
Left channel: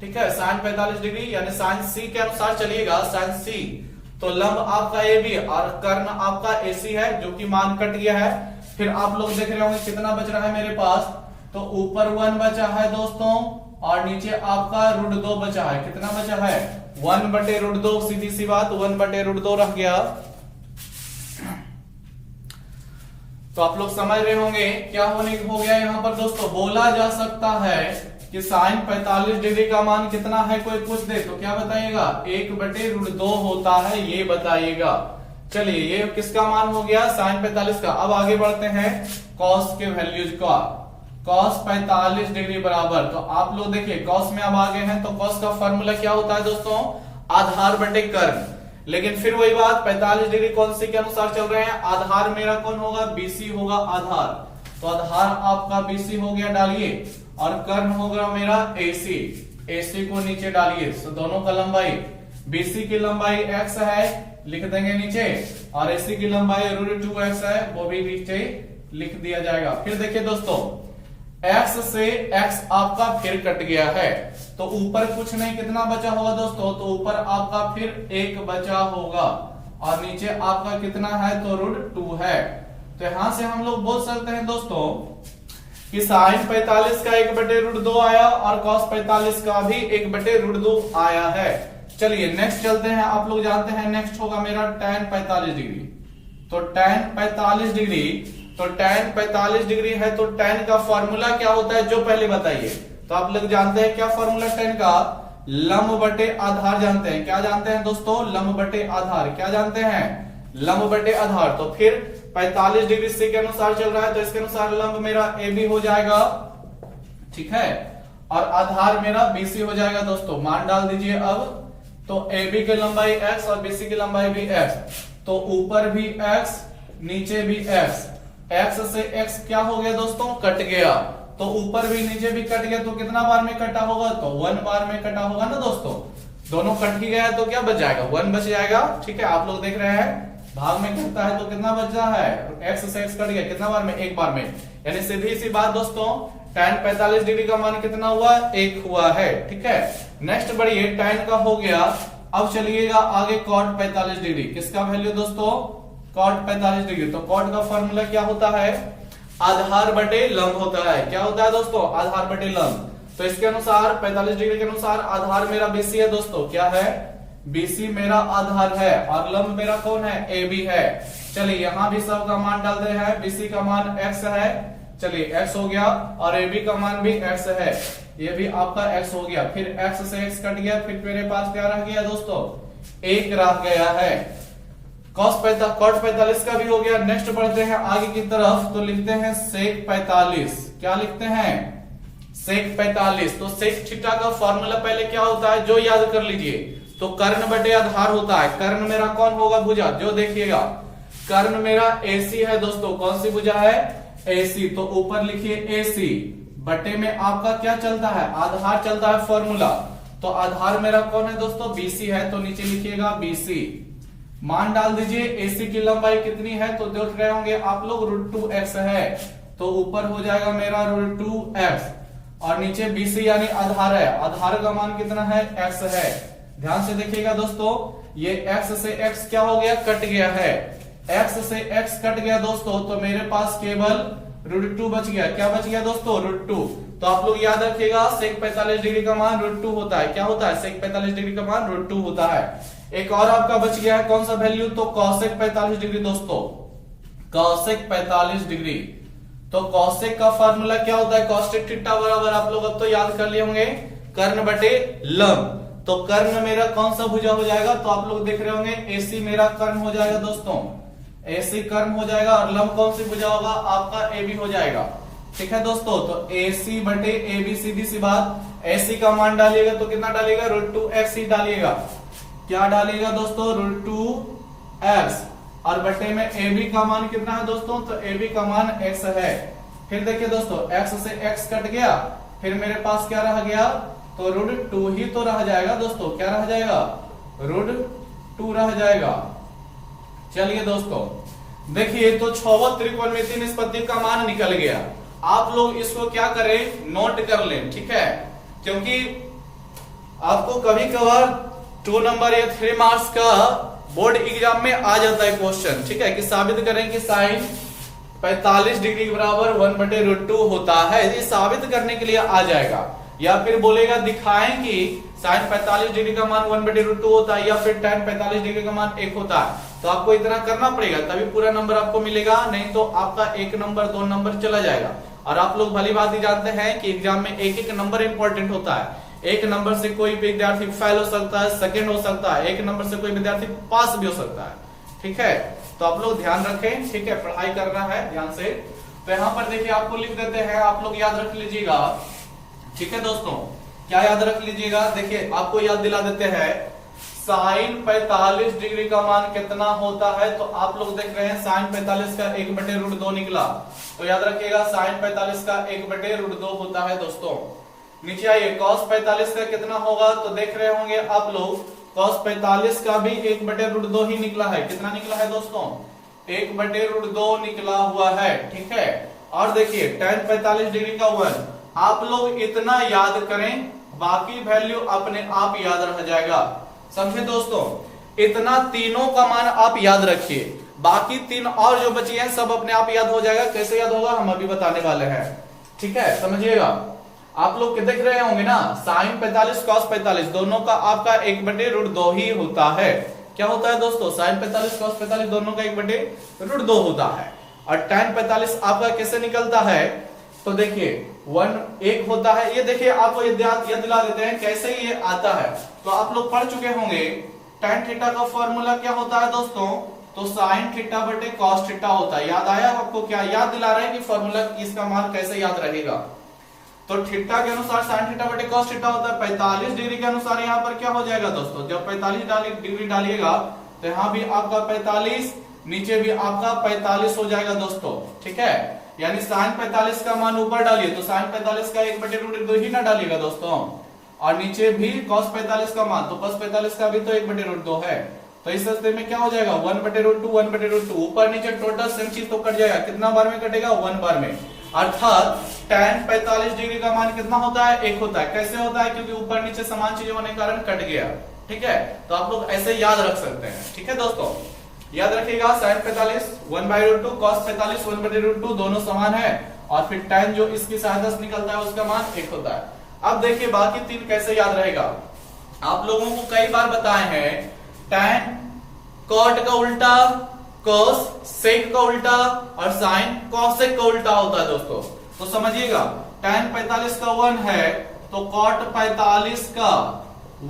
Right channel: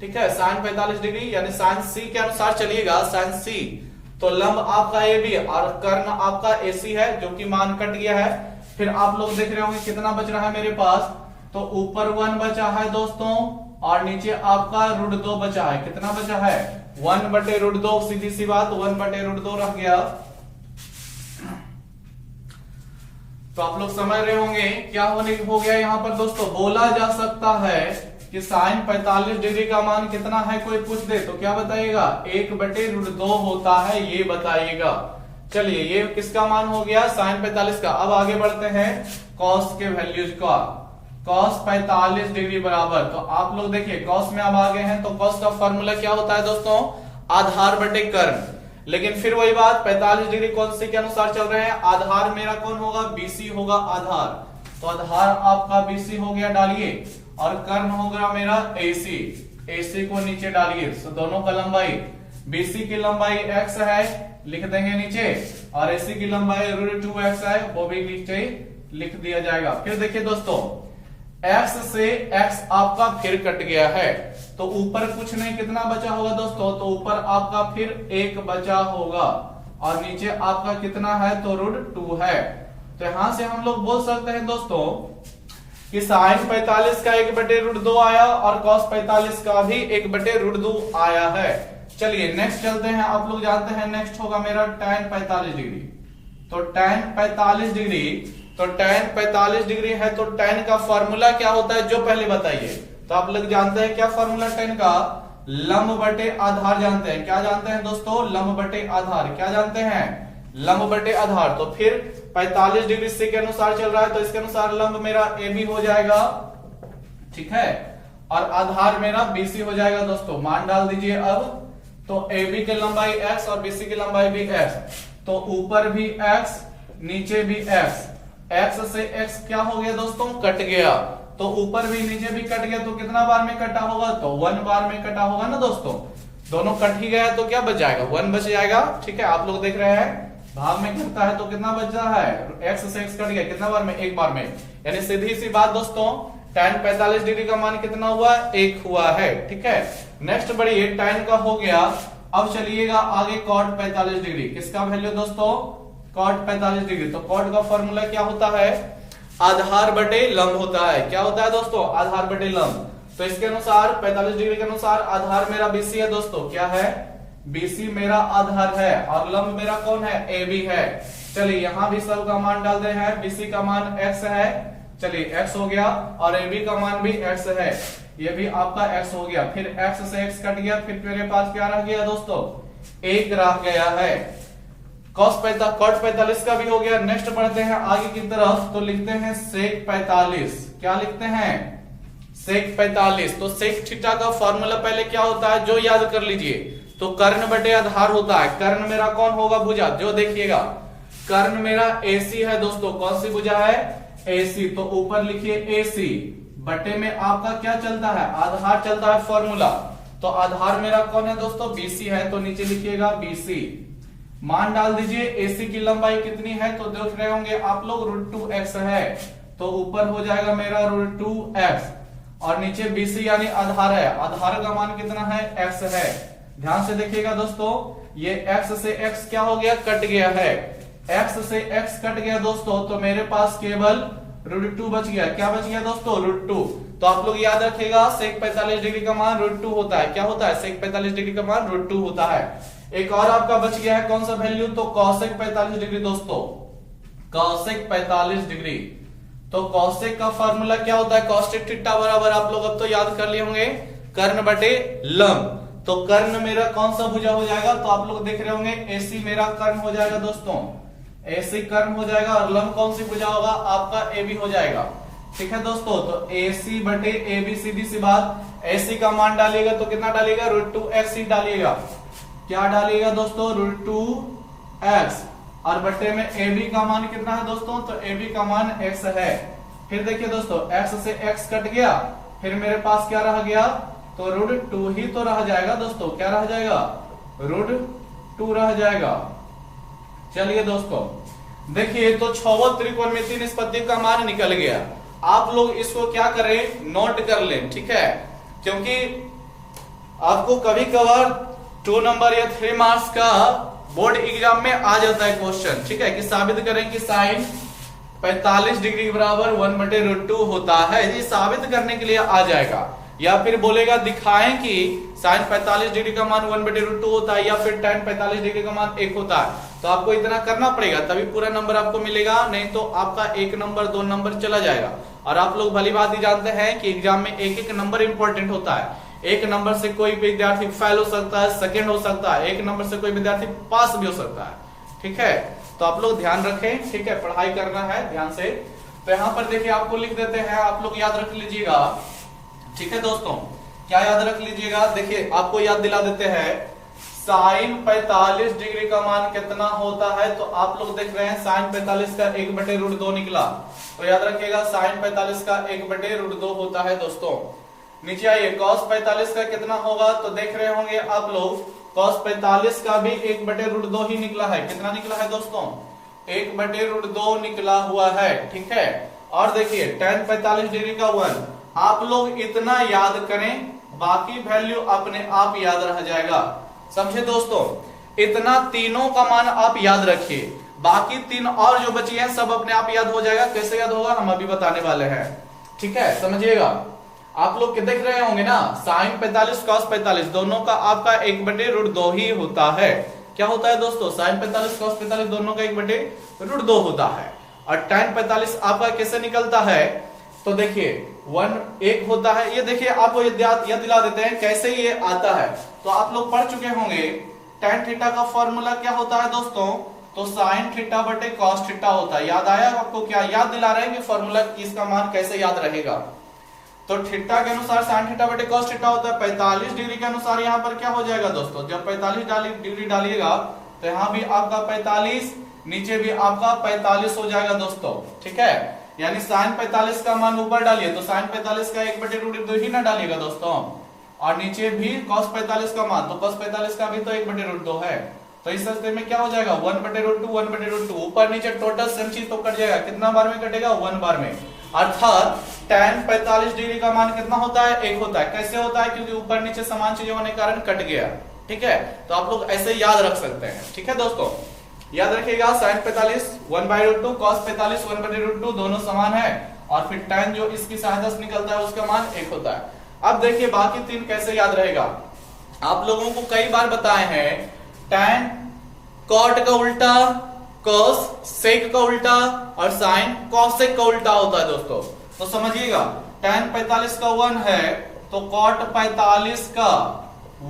ठीक है। साइन 45 डिग्री यानी साइन C के अनुसार चलिएगा, साइन C। तो लंब आपका AB और कर्ण आपका AC है, जो कि मान कट गया है। फिर आप लोग देख रहे होंगे कितना बच रहा है मेरे पास, तो ऊपर 1 बचा है दोस्तों, और नीचे आपका रूट 2 बचा है। कितना बचा है, 1 बटे रूट 2, सीधी सी बात, 1 बटे रूट 2 रह गया। तो आप लोग समझ रहे होंगे क्या हो गया यहाँ पर दोस्तों। बोला जा सकता है कि साइन 45 डिग्री का मान कितना है, कोई पूछ दे तो क्या बताइएगा, 1 बटे रूट 2 होता है, ये बताइएगा। चलिए ये किसका मान हो गया, साइन 45 का। अब आगे बढ़ते हैं कॉस के वैल्यूज का। कॉस 45 डिग्री बराबर, तो आप लोग देखिए कॉस में अब आगे हैं, तो कॉस का फॉर्मूला क्या होता है दोस्तों, आधार बटे कर्ण। लेकिन फिर वही बात, 45 डिग्री कौन से के अनुसार चल रहे हैं, आधार मेरा कौन होगा, BC होगा आधार। तो आधार आपका BC हो गया, डालिए, और कर्ण होगा मेरा AC। AC को नीचे डालिए, तो दोनों का लंबाई, BC की लंबाई x है, लिख देंगे नीचे, और AC की लंबाई रूट 2x है, वो भी नीचे लिख दिया जाएगा। फिर देखिए दोस्तों, x से x आपका फिर कट गया है, तो ऊपर कुछ नहीं, कितना बचा होगा दोस्तों, तो ऊपर आपका फिर 1 बचा होगा, और नीचे आपका कितना है, तो रूट 2 है। तो यहां से हम लोग बोल सकते हैं दोस्तों कि साइन 45 का 1 बटे रूट 2 आया, और कॉस 45 का भी 1 बटे रूट 2 आया है। चलिए नेक्स्ट चलते हैं। आप लोग जानते हैं नेक्स्ट होगा मेरा tan 45 डिग्री। तो tan 45 डिग्री, तो tan 45 डिग्री है तो tan का फॉर्मूला क्या होता है जो पहले बताइए। तो आप लोग जानते हैं क्या फॉर्मूला tan का, लंब बटे आधार जानते हैं। क्या जानते हैं दोस्तों, लंब बटे आधार। क्या जानते हैं, लंब बटे आधार। तो फिर 45 डिग्री सी के अनुसार चल रहा है तो इसके अनुसार लंब मेरा ए बी हो जाएगा, ठीक है, और आधार मेरा बीसी हो जाएगा। दोस्तों मान डाल दीजिए अब, तो ए बी की लंबाई एक्स और बीसी की लंबाई भी एक्स, तो ऊपर भी एक्स नीचे भी एक्स, एक्स से एक्स क्या हो गया दोस्तों, कट गया। तो ऊपर भी नीचे भी कट गया तो कितना बार में कटा होगा, तो 1 बार में कटा होगा ना दोस्तों। दोनों कट ही गया है तो क्या बच जाएगा, 1 बच जाएगा। ठीक है, आप लोग देख रहे हैं भाग में कितना है तो कितना बच रहा है, एक्स से एक्स कट गया कितना बार में, 1 बार में। यानी सीधी सी बात दोस्तों, tan 45 डिग्री का मान कितना हुआ, 1 हुआ है। ठीक है, नेक्स्ट बढ़िए, tan का हो गया। अब चलिएगा आगे cot 45 डिग्री, किसका वैल्यू दोस्तों, cot 45 डिग्री। तो cot का फॉर्मूला क्या होता है, आधार बटे लंब होता है। क्या होता है दोस्तों, आधार बटे लंब। तो इसके अनुसार 45 डिग्री के अनुसार आधार मेरा बीसी है दोस्तों। क्या है, बीसी मेरा आधार है और लंब मेरा कौन है, ए बी है। चलिए यहां भी सब का मान डालते हैं, बीसी का मान एक्स है, चलिए एक्स हो गया, और ए बी का मान भी एक्स है, ये भी आपका एक्स हो गया। फिर एक्स से एक्स कट गया, फिर मेरे पास क्या रह गया दोस्तों, 1 रह गया है। cos 45 का भी हो गया। नेक्स्ट बढ़ते हैं आगे की तरफ, तो लिखते हैं sec 45। क्या लिखते हैं, sec 45। तो sec थीटा का फॉर्मूला पहले क्या होता है जो याद कर लीजिए, तो कर्ण बटे आधार होता है। कर्ण मेरा कौन होगा, भुजा, जो देखिएगा कर्ण मेरा AC है दोस्तों। कौन सी भुजा है, AC। तो ऊपर लिखिए AC, बटे में आपका क्या चलता है, आधार चलता है फॉर्मूला। तो आधार मेरा कौन है दोस्तों, BC है, तो नीचे लिखिएगा BC। मान डाल दीजिए, AC की लंबाई कितनी है तो देख रहे होंगे आप लोग, √2x है, तो ऊपर हो जाएगा मेरा √2x, और नीचे BC यानी आधार है। आधार का मान कितना है, x है। ध्यान से देखिएगा दोस्तों, ये x से x क्या हो गया, कट गया है। x से x कट गया दोस्तों, तो मेरे पास केवल √2 बच गया। क्या बच गया दोस्तों, √2। तो आप लोग याद रखिएगा, sec 45 डिग्री का मान √2 होता है। क्या होता है, sec 45 डिग्री का मान √2 होता है। एक और आपका बच गया है, कौन सा वैल्यू, तो cosec 45 डिग्री दोस्तों, cosec 45 डिग्री। तो cosec का फॉर्मूला क्या होता है, cosec थीटा बराबर, आप लोग अब तो याद कर लिए होंगे, कर्ण बटे लंब। तो कर्ण मेरा कौन सा भुजा हो जाएगा, तो आप लोग देख रहे होंगे AC मेरा कर्ण हो जाएगा दोस्तों, AC कर्ण हो जाएगा, और लंब कौन सी भुजा होगा, आपका AB हो जाएगा। ठीक है दोस्तों, तो AC बटे AB, सीधी सी बात। AC का मान डालिएगा तो कितना डालिएगा, √2x ही डालिएगा। क्या डालिएगा दोस्तों, √2x, और बटे में AB का मान कितना है दोस्तों, तो AB का मान x है। फिर देखिए दोस्तों, x से x कट गया, फिर मेरे पास क्या रह गया, तो √2 ही तो रह जाएगा दोस्तों। क्या रह जाएगा, √2 रह जाएगा। चलिए दोस्तों देखिए, तो छौवल त्रिकोणमितीय निष्पत्ति का मान निकल गया। आप लोग इसको क्या करें, नोट कर लें, ठीक है, क्योंकि आपको कभी कभार 2 नंबर या 3 मार्क्स का बोर्ड एग्जाम में आ जाता है क्वेश्चन, ठीक है, कि साबित करें कि साइन 45 डिग्री के बराबर 1/√2 होता है। ये साबित करने के लिए आ जाएगा, या फिर बोलेगा दिखाएं कि साइन 45 डिग्री का मान 1/√2 होता है, या फिर tan 45 डिग्री का मान 1 होता है। तो आपको इतना करना पड़ेगा, तभी पूरा नंबर आपको मिलेगा, नहीं तो आपका 1 नंबर 2 नंबर चला जाएगा। और आप लोग भली बात ही जानते हैं कि एग्जाम में एक नंबर इंपॉर्टेंट होता है। 1 नंबर से कोई विद्यार्थी फेल हो सकता है, सेकंड हो सकता है, 1 नंबर से कोई विद्यार्थी पास भी हो सकता है। ठीक है, तो आप लोग ध्यान रखें, ठीक है, पढ़ाई करना है ध्यान से। तो यहाँ पर देखिए आपको लिख देते हैं, आप लोग याद रख लीजिएगा। ठीक है दोस्तों, क्या याद रख लीजिएगा, देखिए आपको याद दिला देते हैं, साइन 45 डिग्री का मान कितना होता है। तो आप लोग देख रहे हैं साइन 45 का 1/√2 निकला, तो याद रखिएगा साइन 45 का 1/√2 होता है दोस्तों। नीचे आइए, cos 45 का कितना होगा, तो देख रहे होंगे आप लोग, cos 45 का भी 1/√2 ही निकला है। कितना निकला है दोस्तों, 1/√2 निकला हुआ है। ठीक है, और देखिए tan 45 डिग्री का 1, आप लोग इतना याद करें, बाकी वैल्यू अपने आप याद रह जाएगा। समझे दोस्तों, इतना तीनों का मान आप याद रखिए, बाकी 3 और जो बची हैं सब अपने आप याद हो जाएगा। कैसे याद होगा हम अभी बताने वाले हैं। ठीक है, समझिएगा। आप लोग देख रहे होंगे ना, साइन 45 cos 45 दोनों का आपका 1/√2 ही होता है। क्या होता है दोस्तों, sin 45 cos 45 दोनों का 1/√2 होता है। और tan 45 आपका कैसे निकलता है, तो देखिए 1 होता है। ये देखिए आपको ये दिला देते हैं कैसे ये आता है। तो आप लोग पढ़ चुके होंगे tan थीटा का फॉर्मूला क्या होता है दोस्तों, तो sin थीटा बटे cos थीटा होता है। याद आया आपको, क्या याद दिला रहे हैं कि फॉर्मूला इसका मान कैसे याद रहेगा। तो थीटा के अनुसार sin थीटा बटे cos थीटा होता है। 45 डिग्री के अनुसार यहाँ पर क्या हो जाएगा दोस्तों, जब 45 डिग्री डालिएगा तो यहाँ भी आपका 45, नीचे भी आपका 45 हो जाएगा दोस्तों, ठीक है। यानी sin 45 का मान ऊपर डालिए तो sin 45 का 1/√2 ही ना डालिएगा दोस्तों, और नीचे भी cos 45 का मान, तो cos 45 का भी तो 1/√2 है। तो इस स्थिति में क्या हो जाएगा 1/√2 1/√2, ऊपर नीचे टोटल सेम चीज तो कट जाएगा। कितना बार में कटेगा, 1 बार में। अर्थात tan 45 डिग्री का मान कितना होता है, 1 होता है। कैसे होता है, क्योंकि ऊपर नीचे समान चीजें होने के कारण कट गया, ठीक है। तो आप लोग ऐसे याद रख सकते हैं, ठीक है दोस्तों। याद रखिएगा sin 45 1/√2, cos 45 1/√2 दोनों समान है, और फिर tan जो इसकी सहायता से निकलता है उसका मान 1 होता है। अब देखिए बाकी 3 कैसे याद रहेगा। आप लोगों को कई बार बताए हैं tan cot का उल्टा, cos sec का उल्टा, और sin cosec का उल्टा होता है दोस्तों। तो समझिएगा tan 45 का 1 है तो cot 45 का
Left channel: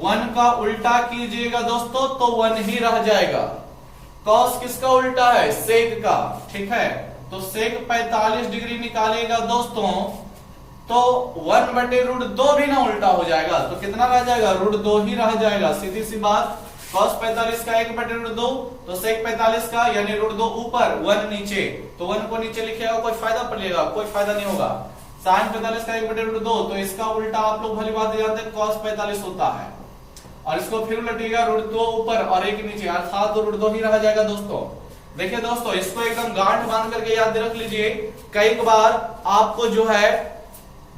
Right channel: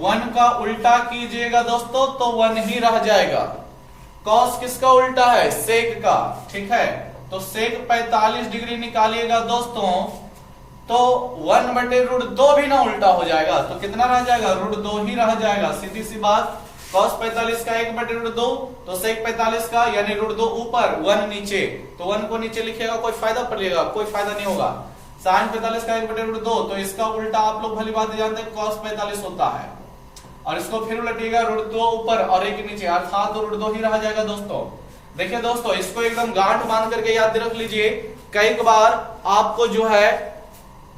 1 का उल्टा कीजिएगा दोस्तों तो 1 ही रह जाएगा। cos किसका उल्टा है, sec का, ठीक है। तो sec 45 डिग्री निकालिएगा दोस्तों तो 1/√2 भी ना उल्टा हो जाएगा, तो कितना रह जाएगा, √2 ही रह जाएगा। सीधी सी बात, cos 45 का 1/√2 तो sec 45 का यानी √2 ऊपर 1 नीचे, तो 1 को नीचे लिखिएगा, कोई फायदा पड़ेगा, कोई फायदा नहीं होगा। sin 45 का 1/√2 तो इसका उल्टा आप लोग भली बात जानते हैं cos 45 होता है, और इसको फिर उलटिएगा √2 ऊपर और 1 नीचे, अर्थात √2 ही रह जाएगा दोस्तों। देखिए दोस्तों इसको एकदम गांठ बांध करके याद रख लीजिए, कई बार आपको जो है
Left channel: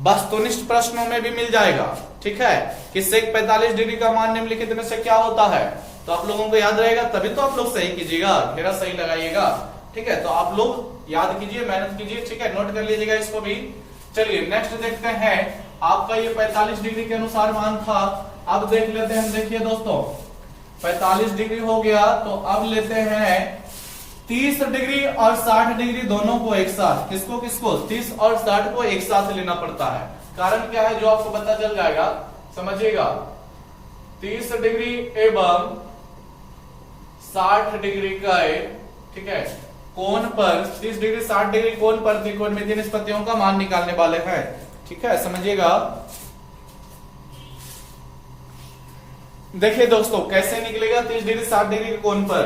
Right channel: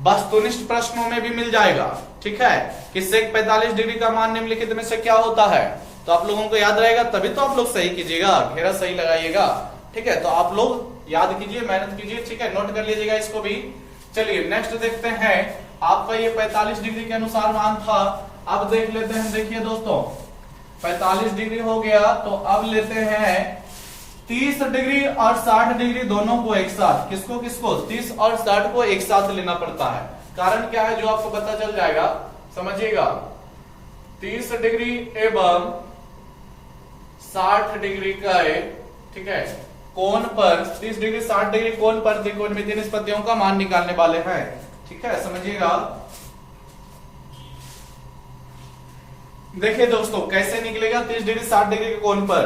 वस्तुनिष्ठ प्रश्नों में भी मिल जाएगा, ठीक है, कि sec 45 डिग्री का मान निम्नलिखित में से क्या होता है। तो आप लोगों को याद रहेगा, तभी तो आप लोग सही कीजिएगा, घेरा सही लगाइएगा, ठीक है। तो आप लोग याद कीजिए, मेहनत कीजिए, ठीक है, नोट कर लीजिएगा इसको भी। चलिए नेक्स्ट देखते हैं, आपका ये 45 डिग्री के अनुसार मान था। अब देख लेते हैं, देखिए दोस्तों 45 डिग्री हो गया, तो अब लेते हैं 30 डिग्री और 60 डिग्री दोनों को एक साथ। किसको किसको, 30 और 60 को एक साथ लेना पड़ता है। कारण क्या है जो आपको पता चल जाएगा, समझिएगा। 30 डिग्री एवं 60 डिग्री का, ठीक है, कोण पर 30 डिग्री 60 डिग्री कोण पर त्रिकोणमितीय निष्पत्तियों का मान निकालने वाले हैं, ठीक है, समझिएगा। देखिए दोस्तों कैसे निकलेगा 30 डिग्री 60 डिग्री के कोण पर।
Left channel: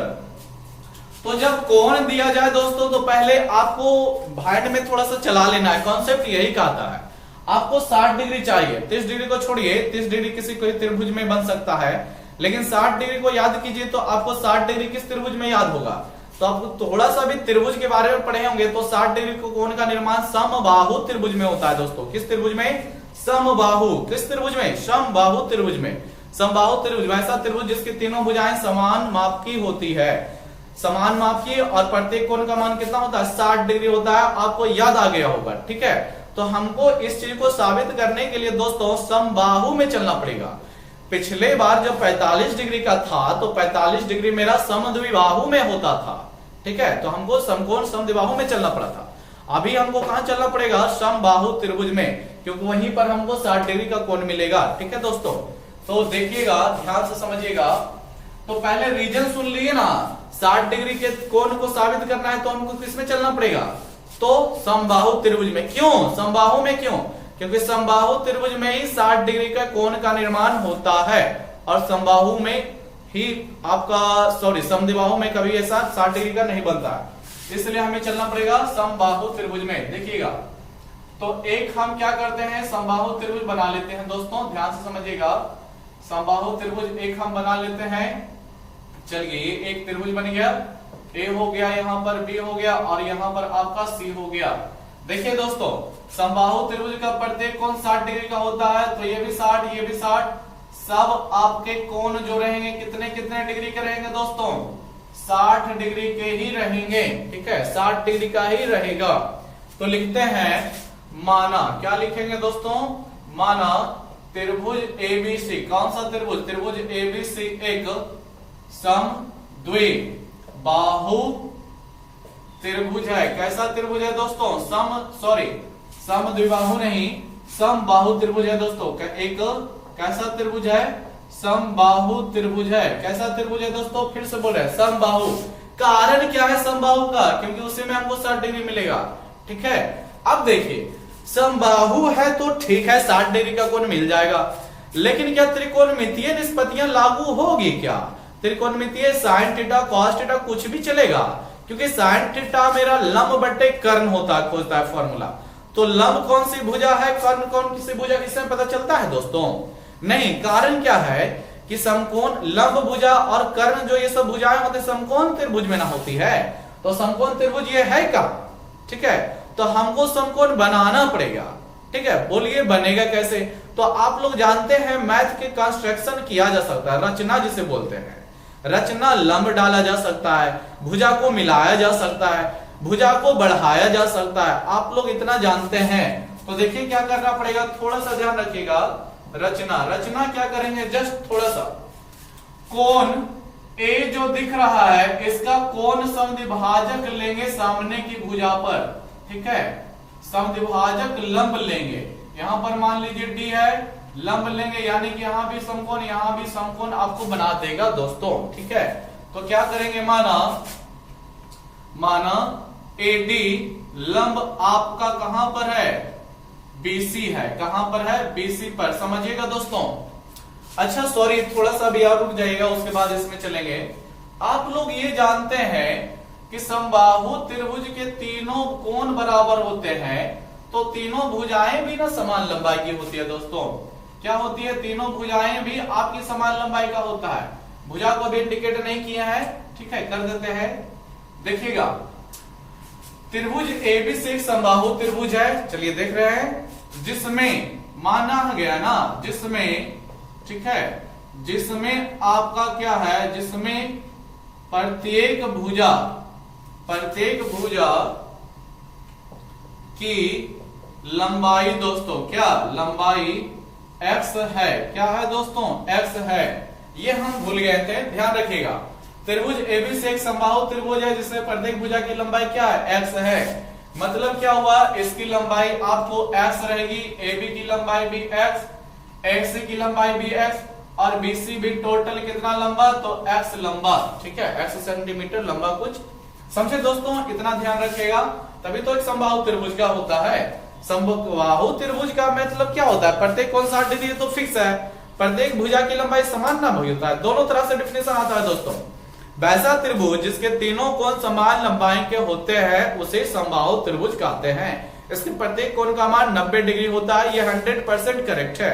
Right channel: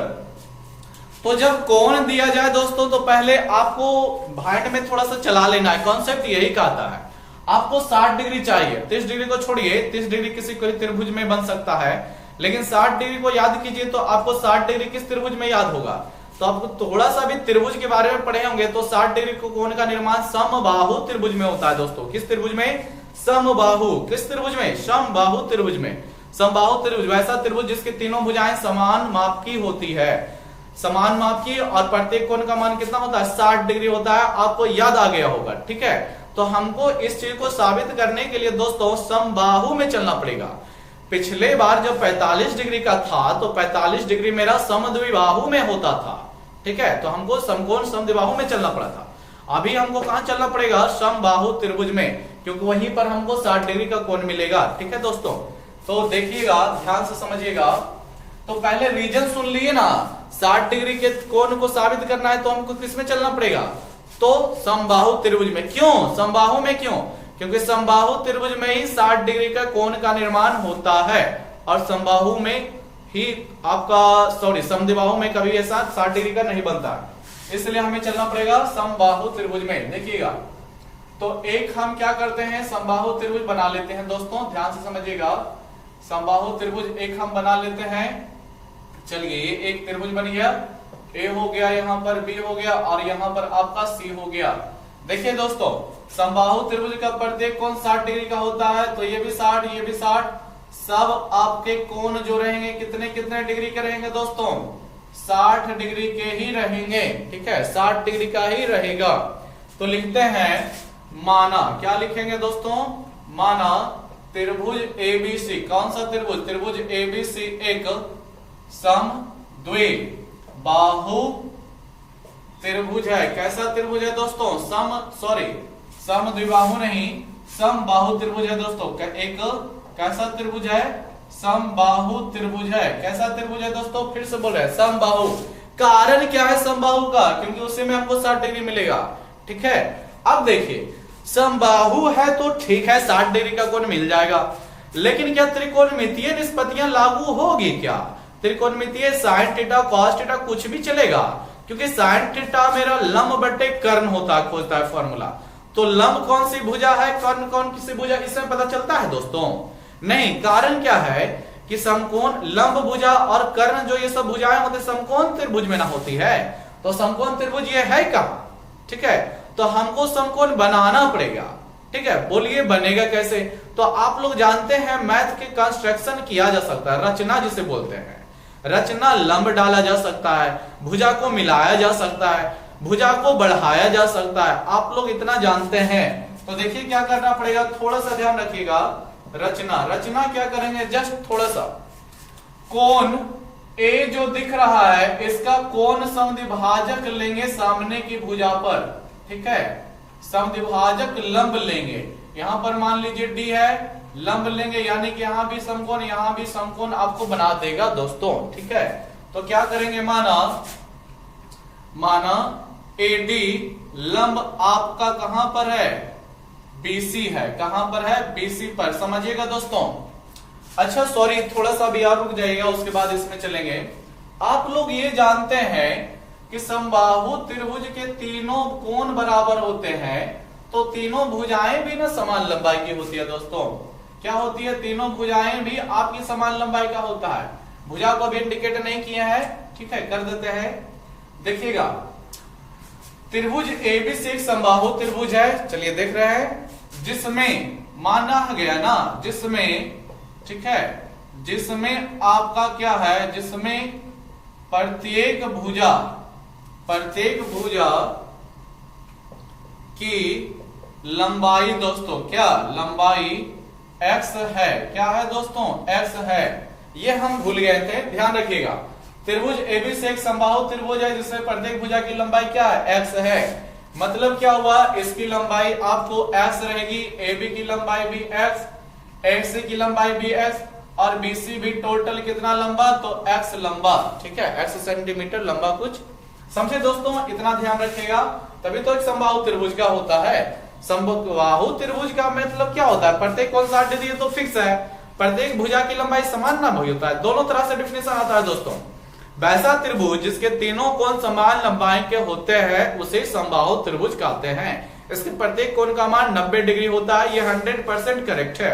तो जब कोण दिया जाए दोस्तों तो पहले आपको भाइट में थोड़ा सा चला लेना है, कॉन्सेप्ट यही कहता है। आपको 60 डिग्री चाहिए, 30 डिग्री को छोड़िए, 30 डिग्री किसी कोई त्रिभुज में बन सकता है, लेकिन 60 डिग्री को याद कीजिए तो आपको 60 डिग्री किस त्रिभुज में याद होगा। तो आपको थोड़ा सा भी त्रिभुज के बारे में पढ़े होंगे तो 60 डिग्री कोण का निर्माण समबाहु त्रिभुज में होता है दोस्तों। किस त्रिभुज में, समबाहु। किस त्रिभुज में, समबाहु त्रिभुज में। समबाहु त्रिभुज वैसा त्रिभुज जिसकी तीनों भुजाएं समान माप की होती है, समान माप की, और प्रत्येक कोण का मान कितना होता है, 60 डिग्री होता है। आपको याद आ गया होगा, ठीक है। तो हमको इस चीज को साबित करने के लिए दोस्तों समबाहु में चलना पड़ेगा। पिछले बार जब 45 डिग्री का था तो 45 डिग्री मेरा समद्विबाहु में होता था, ठीक है। तो हमको समकोण समद्विबाहु में चलना पड़ा था। अभी हमको कहां चलना पड़ेगा, समबाहु त्रिभुज में, क्योंकि वहीं पर हमको 60 डिग्री का कोण मिलेगा, ठीक है दोस्तों। तो देखिएगा, ध्यान से समझिएगा। तो पहले रीजन सुन लिए ना, 60 डिग्री के कोण को साबित करना है तो हमको किसमें चलना पड़ेगा, तो समबाहु त्रिभुज में। क्यों समबाहु में, क्यों, क्योंकि समबाहु त्रिभुज में ही 60 डिग्री का कोण का निर्माण होता है, और समबाहु में ही आपका समद्विबाहु में कभी ऐसा 60 डिग्री का नहीं बनता, इसलिए हमें चलना पड़ेगा समबाहु त्रिभुज में। देखिएगा तो एक हम क्या करते हैं, समबाहु त्रिभुज बना लेते हैं दोस्तों, ध्यान से समझिएगा। समबाहु त्रिभुज एक हम बना लेते हैं। चलिए ये एक त्रिभुज बन गया, ए हो गया, यहाँ पर बी हो गया, और यहाँ पर आपका सी हो गया। देखिए दोस्तों समबाहु त्रिभुज का प्रत्येक कोण 60 डिग्री का होता है, तो ये भी 60, ये भी 60, सब आपके कोण जो रहेंगे कितने कितने डिग्री के रहेंगे दोस्तों, 60 डिग्री के ही रहेंगे, ठीक है, 60 डिग्री का ही रहेगा। तो लिखते हैं माना, क्या लिखेंगे दोस्तों, माना त्रिभुज एबीसी। कौन सा त्रिभुज, त्रिभुज एबीसी एक सम द्विबाहु त्रिभुज है। कैसा त्रिभुज है दोस्तों? सम द्विबाहु नहीं, समबाहु त्रिभुज है दोस्तों। एक कैसा त्रिभुज है? समबाहु त्रिभुज है। कैसा त्रिभुज है दोस्तों? फिर से बोल रहे हैं समबाहु। कारण क्या है समबाहु का? क्योंकि उससे में आपको 60 डिग्री मिलेगा। ठीक है, अब देखिए समबाहु है तो ठीक है 60 डिग्री का कोण मिल जाएगा, लेकिन क्या त्रिकोणमितीय निष्पत्तियां लागू होगी क्या? त्रिकोणमितीय साइन थीटा कॉस थीटा कुछ भी चलेगा, क्योंकि साइन थीटा मेरा लंब बटे कर्ण होता है, खोजता है फॉर्मूला। तो लंब कौन सी भुजा है, कर्ण कौन सी भुजा, इसमें पता चलता है दोस्तों? नहीं। कारण क्या है कि समकोण लंब भुजा और कर्ण जो ये सब भुजाएं होती समकोण त्रिभुज में ना होती है, तो समकोण त्रिभुज ये है कहां? ठीक है, तो हमको समकोण बनाना पड़ेगा। ठीक है, बोलिए बनेगा कैसे? तो आप लोग जानते हैं मैथ के कंस्ट्रक्शन किया जा सकता है, रचना जिसे बोलते हैं। रचना लंब डाला जा सकता है, भुजा को मिलाया जा सकता है, भुजा को बढ़ाया जा सकता है। आप लोग इतना जानते हैं, तो देखिए क्या करना पड़ेगा, थोड़ा सा ध्यान रखिएगा। रचना क्या करेंगे, जस्ट थोड़ा सा कोण ए जो दिख रहा है इसका कोण समद्विभाजक लेंगे सामने की भुजा पर। ठीक है, समद्विभाजक लंब लेंगे। यहां पर मान लीजिए डी है, लंब लेंगे यानी कि यहां भी समकोण यहां भी समकोण आपको बना देगा दोस्तों। ठीक है, तो क्या करेंगे, माना एडी लंब आपका कहां पर है? बीसी है। कहां पर है? बीसी पर। समझिएगा दोस्तों। अच्छा सॉरी, थोड़ा सा भी और रुक जाइएगा, उसके बाद इसमें चलेंगे। आप लोग ये जानते हैं कि समबाहु त्रिभुज के तीनों कोण बराबर होते हैं, तो तीनों भुजाएं भी ना समान लंबाई की होती है दोस्तों। क्या होती है? तीनों भुजाएं भी आपकी समान लंबाई का होता है। भुजा को भी इंडिकेट नहीं किया है, ठीक है, कर देते हैं। देखिएगा, त्रिभुज एबीसी एक समबाहु त्रिभुज है, चलिए देख रहे हैं, जिसमें माना गया ना, जिसमें, ठीक है, जिसमें आपका क्या है, जिसमें प्रत्येक भुजा की लंबाई दोस्तों, क्या लंबाई x है। क्या है दोस्तों? x है। ये हम भूल गए थे, ध्यान रखिएगा। त्रिभुज एबीसी एक समबाहु त्रिभुज है जिसमें प्रत्येक भुजा की लंबाई क्या है? x है। मतलब क्या हुआ, इसकी लंबाई आपको x रहेगी, AB की लंबाई भी x, AC की लंबाई भी x और BC भी टोटल कितना लंबा? तो x लंबा। ठीक है, x सेंटीमीटर लंबा। कुछ समझे दोस्तों? इतना ध्यान रखिएगा, तभी तो एक समबाहु त्रिभुज का होता है। समबाहु त्रिभुज का मतलब क्या होता है? प्रत्येक कोण 60 डिग्री तो फिक्स है, प्रत्येक भुजा की लंबाई समान ना होता है। दोनों तरह से डिफिनेशन आता है दोस्तों। वैसा त्रिभुज जिसके तीनों कोण समान लंबाई के होते हैं उसे समबाहु त्रिभुज कहते हैं। इसके प्रत्येक कोण का मान 90 डिग्री होता है। ये 100% करेक्ट है।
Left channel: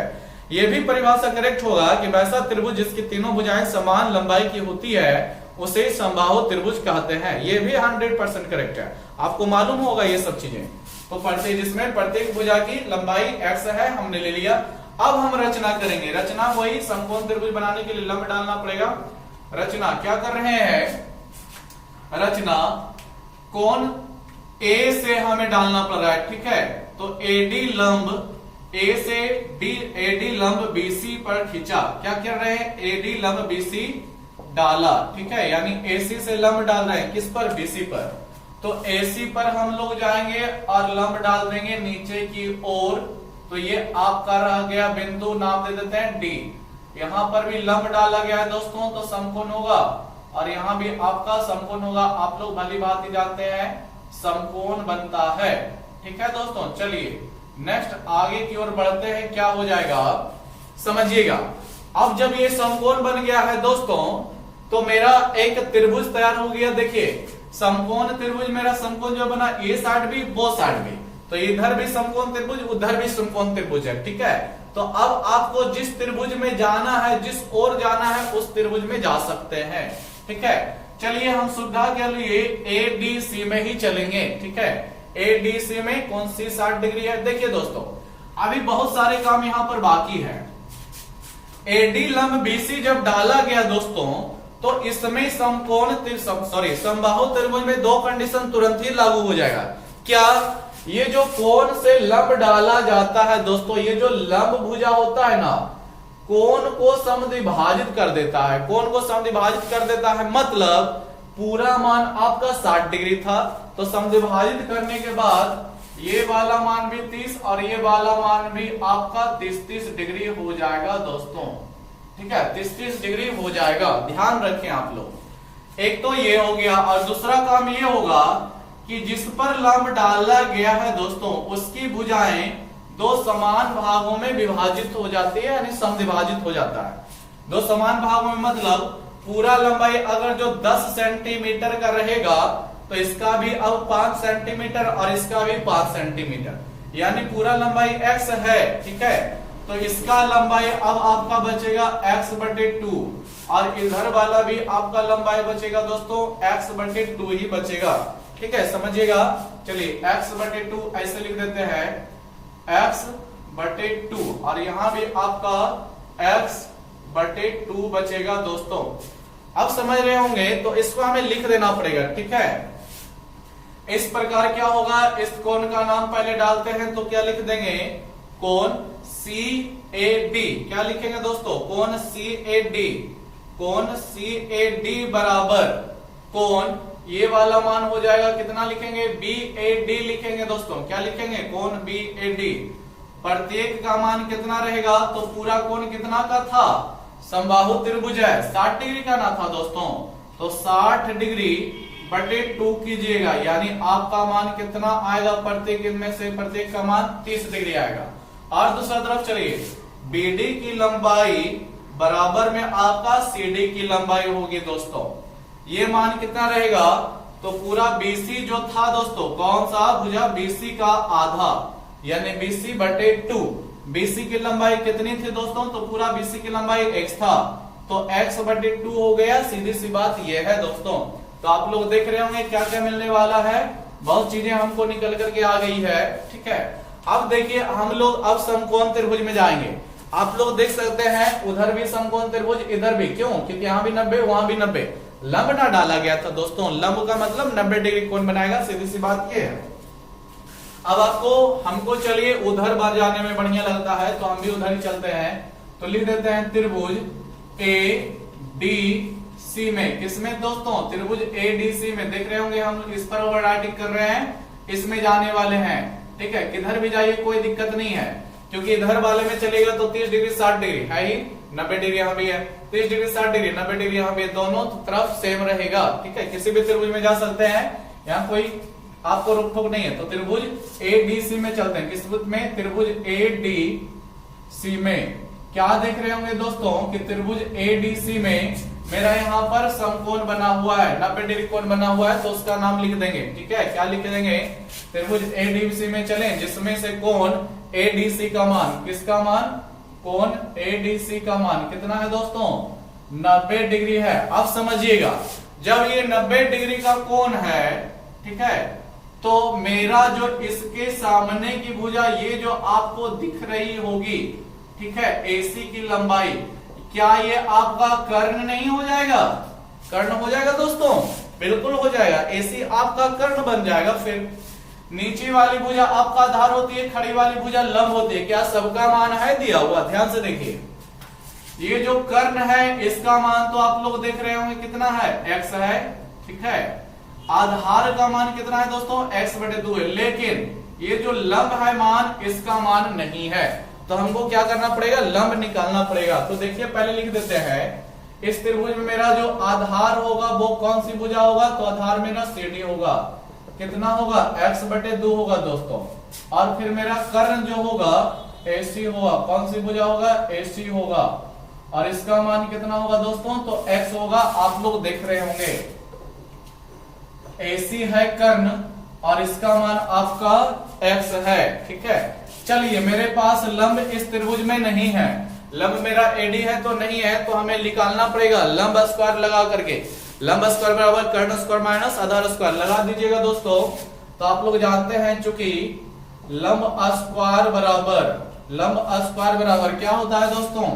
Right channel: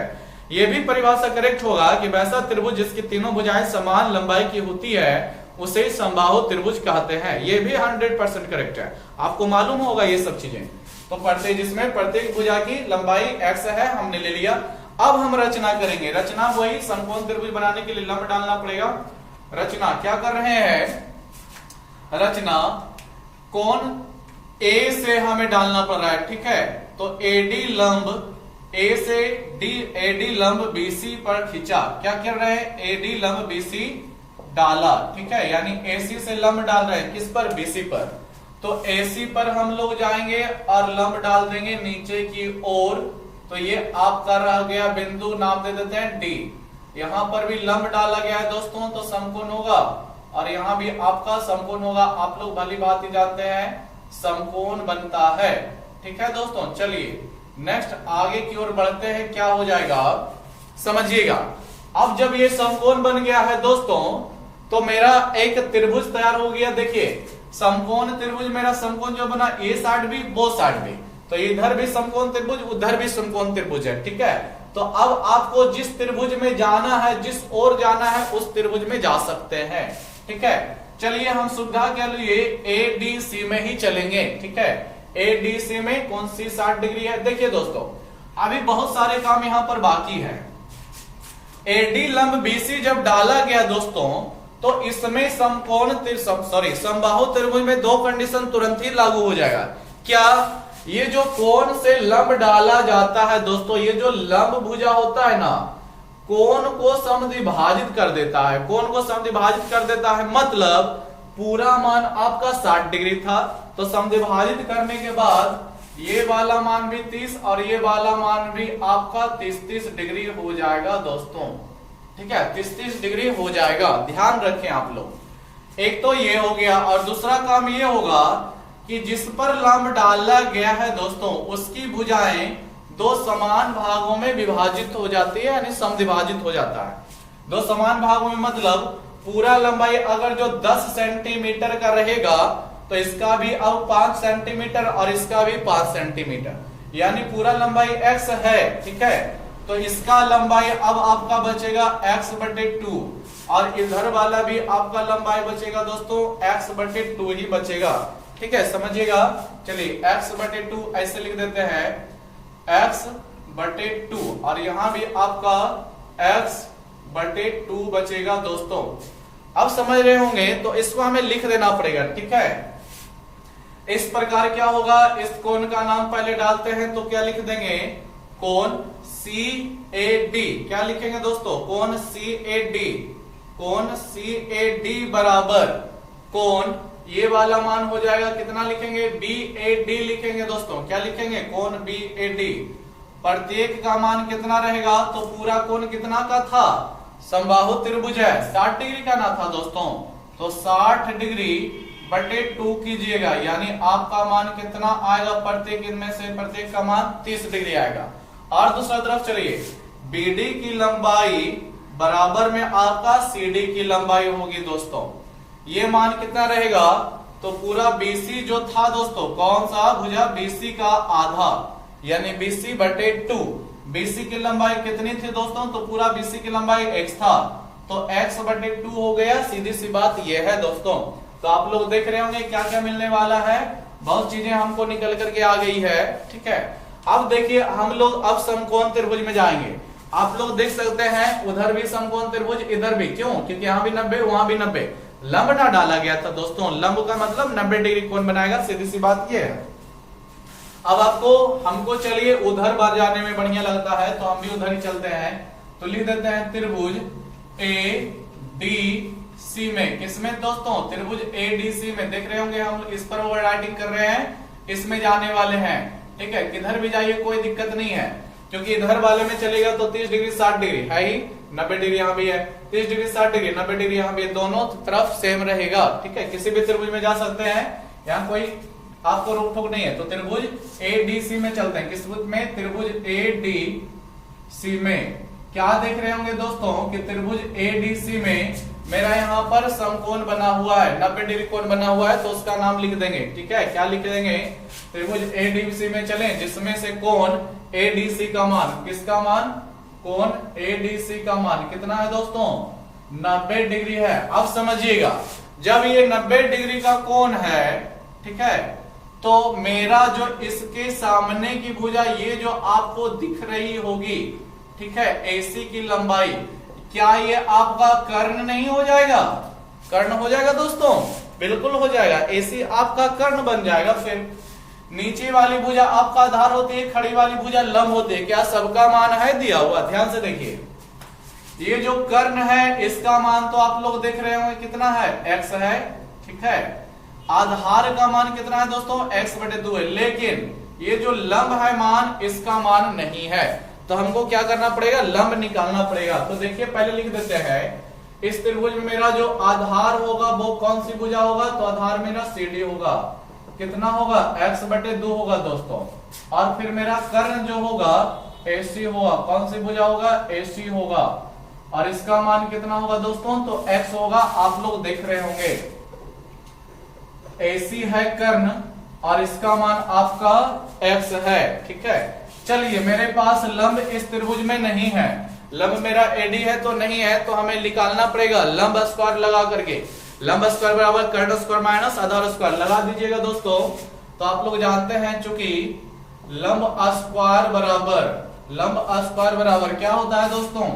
ये भी परिभाषा करेक्ट होगा कि वैसा त्रिभुज जिसकी तीनों भुजाएं समान लंबाई की होती है उसे समबाहु त्रिभुज कहते हैं। ये भी 100% करेक्ट है। आपको मालूम होगा ये सब चीजें। तो प्रत्येक जिसमें प्रत्येक भुजा की लंबाई x है, हमने ले लिया। अब हम रचना करेंगे। रचना वही समकोण त्रिभुज बनाने के लिए लंब डालना पड़ेगा। रचना क्या कर रहे हैं? रचना कोण A से हमें डालना पड़ रहा है। ठीक है, तो AD लंब A से AD लंब BC पर खींचा। क्या कर रहे हैं? AD लंब BC डाला। ठीक है, यानी AC से लंब डाल रहे हैं, किस पर? BC पर। तो AC पर हम लोग जाएंगे और लंब डाल देंगे नीचे की ओर। तो ये आपका रह गया बिंदु, नाम दे देते हैं D। यहां पर भी लंब डाला गया है दोस्तों, तो समकोण होगा, और यहां भी आपका समकोण होगा। आप लोग भली बात ही जानते हैं, समकोण बनता है। ठीक है दोस्तों, चलिए नेक्स्ट आगे की ओर बढ़ते हैं। क्या हो जाएगा समझिएगा। अब जब ये समकोण बन गया है दोस्तों, तो मेरा एक त्रिभुज तैयार हो गया। देखिए समकोण त्रिभुज, मेरा समकोण जो बना, ये साइड भी वो साइड भी, तो इधर भी समकोण त्रिभुज, उधर भी समकोण त्रिभुज है। ठीक है, तो अब आपको जिस त्रिभुज में जाना है, जिस ओर जाना है, उस त्रिभुज में जा सकते हैं। ठीक है, चलिए हम सुविधा के लिए ADC में ही चलेंगे। ठीक है, ADC में कौन सी 60 डिग्री है? देखिए दोस्तों, अभी बहुत सारे काम यहां पर बाकी है। AD लंब BC जब डाला गया दोस्तों, तो इसमें समबाहु त्रिभुज में दो कंडीशन तुरंत ही लागू हो जाएगा। क्या? ये जो कोण से लंब डाला जाता है दोस्तों, ये जो लंब भुजा होता है ना, कोण को समद्विभाजित कर देता है, कोण को समद्विभाजित कर देता है, मतलब पूरा मान आपका 60 डिग्री था, तो समद्विभाजित करने के बाद ये वाला मान भी 30 और ये वाला मान भी आपका 30 डिग्री हो जाएगा दोस्तों। ठीक है, 30 डिग्री हो जाएगा, ध्यान रखें आप लोग। एक तो ये हो गया, और दूसरा काम ये होगा कि जिस पर लंब डाला गया है दोस्तों, उसकी भुजाएं दो समान भागों में विभाजित हो जाती है, यानी समद्विभाजित हो जाता है। दो समान भागों में मतलब पूरा लंबाई अगर जो 10 सेंटीमीटर का रहेगा तो इसका भी अब 5 सेंटीमीटर और इसका भी 5 सेंटीमीटर, यानी पूरा लंबाई x है। ठीक है, तो इसका लंबाई अब आपका बचेगा x/2 और इधर वाला भी आपका लंबाई बचेगा दोस्तों x/2 ही बचेगा। ठीक है, समझिएगा। चलिए x/2 ऐसे लिख देते हैं, x/2 और यहां भी आपका x/2 बचेगा दोस्तों। अब समझ रहे होंगे, तो इसको हमें लिख देना पड़ेगा। ठीक है, इस प्रकार क्या होगा, इस कोण का नाम पहले डालते हैं, तो क्या लिख देंगे, कोण CAD। क्या लिखेंगे दोस्तों, कोण CAD। कोण CAD बराबर कोण, ये वाला मान हो जाएगा कितना लिखेंगे, BAD लिखेंगे दोस्तों। क्या लिखेंगे, कोण BAD। प्रत्येक का मान कितना रहेगा, तो पूरा कोण कितना का था, समबाहु त्रिभुज है, 60 डिग्री का ना था दोस्तों, तो 60 डिग्री बटे 2 कीजिएगा, यानी आपका मान कितना आएगा, प्रत्येक इनमें से प्रत्येक का मान 30 डिग्री आएगा। और दूसरा तरफ चलिए, BD की लंबाई बराबर में आपका CD की लंबाई होगी दोस्तों। ये मान कितना रहेगा, तो पूरा BC जो था दोस्तों, कौन सा भुजा, BC का आधा, यानी BC/2। BC की लंबाई कितनी थी दोस्तों, तो पूरा BC की लंबाई x था, तो x/2 हो गया। सीधी सी बात ये है दोस्तों। तो आप लोग देख रहे होंगे क्या क्या मिलने वाला है, बहुत चीजें हमको निकल करके आ गई है। ठीक है, अब देखिए हम लोग अब समकोण त्रिभुज में जाएंगे। आप लोग देख सकते हैं उधर भी समकोण त्रिभुज, इधर भी, क्यों, क्योंकि यहाँ भी 90 वहां भी 90, लंब ना डाला गया था दोस्तों। लंब का मतलब 90 डिग्री कोण बनाएगा, सीधी सी बात ये है। अब हमको चलिए उधर बार जाने में बढ़िया लगता है, तो हम भी उधर ही चलते हैं। तो लिख देते हैं त्रिभुज ADC में, किसमें दोस्तों, त्रिभुज ADC में। देख रहे होंगे हम इस पर ओवर राइटिंग कर रहे हैं, इसमें जाने वाले हैं। ठीक है, किधर भी जाइए कोई दिक्कत नहीं है, क्योंकि इधर वाले में चलेगा तो 30 डिग्री 60 डिग्री है ही, 90 डिग्री यहाँ भी है, 30 डिग्री 60 डिग्री 90 डिग्री यहाँ भी, दोनों तरफ सेम रहेगा। ठीक है, किसी भी त्रिभुज में जा सकते हैं, यहाँ कोई आपको रोक टोक नहीं है। तो त्रिभुज ADC में चलते हैं, किस त्रिभुज में, त्रिभुज ADC में। क्या देख रहे होंगे दोस्तों कि त्रिभुज ADC में मेरा यहाँ पर समकोण बना हुआ है, 90 डिग्री कोण बना हुआ है, तो उसका नाम लिख देंगे। ठीक है, क्या लिख देंगे, त्रिभुज ADC में चलें, जिसमें से कोण ADC का मान, किसका मान, कोण ADC का मान कितना है दोस्तों, 90 डिग्री है। अब समझिएगा, जब ये 90 डिग्री का कोण है, ठीक है, तो मेरा जो इसके सामने की भुजा, ये जो आपको दिख रही होगी, ठीक है, AC की लंबाई, क्या ये आपका कर्ण नहीं हो जाएगा, कर्ण हो जाएगा दोस्तों, बिल्कुल हो जाएगा। AC आपका कर्ण बन जाएगा। फिर नीचे वाली भुजा आपका आधार होती है, खड़ी वाली भुजा लंब होती है। क्या सबका मान है दिया हुआ, ध्यान से देखिए। ये जो कर्ण है इसका मान तो आप लोग देख रहे होंगे कितना है, x है। ठीक है, आधार का मान कितना है दोस्तों, x/2 है, लेकिन ये जो लंब है मान, इसका मान नहीं है, तो हमको क्या करना पड़ेगा, लंब निकालना पड़ेगा। तो देखिए पहले लिख देते हैं, इस त्रिभुज में मेरा जो आधार होगा वो कौन सी भुजा होगा, तो आधार मेरा CD होगा, कितना होगा, x/2 होगा दोस्तों। और फिर मेरा कर्ण जो होगा AC होगा, कौन सी भुजा होगा, AC होगा, और इसका मान कितना होगा दोस्तों, तो x होगा। आप लोग देख रहे होंगे AC है कर्ण और इसका मान आपका x है। ठीक है, चलिए मेरे पास लंब इस त्रिभुज में नहीं है, लंब मेरा AD है तो नहीं है, तो हमें निकालना पड़ेगा लंब स्क्वायर लगा करके। लंब स्क्वायर बराबर कर्ण स्क्वायर माइनस आधार स्क्वायर लगा दीजिएगा दोस्तों। तो आप लोग जानते हैं चूंकि लंब स्क्वायर बराबर क्या होता है दोस्तों,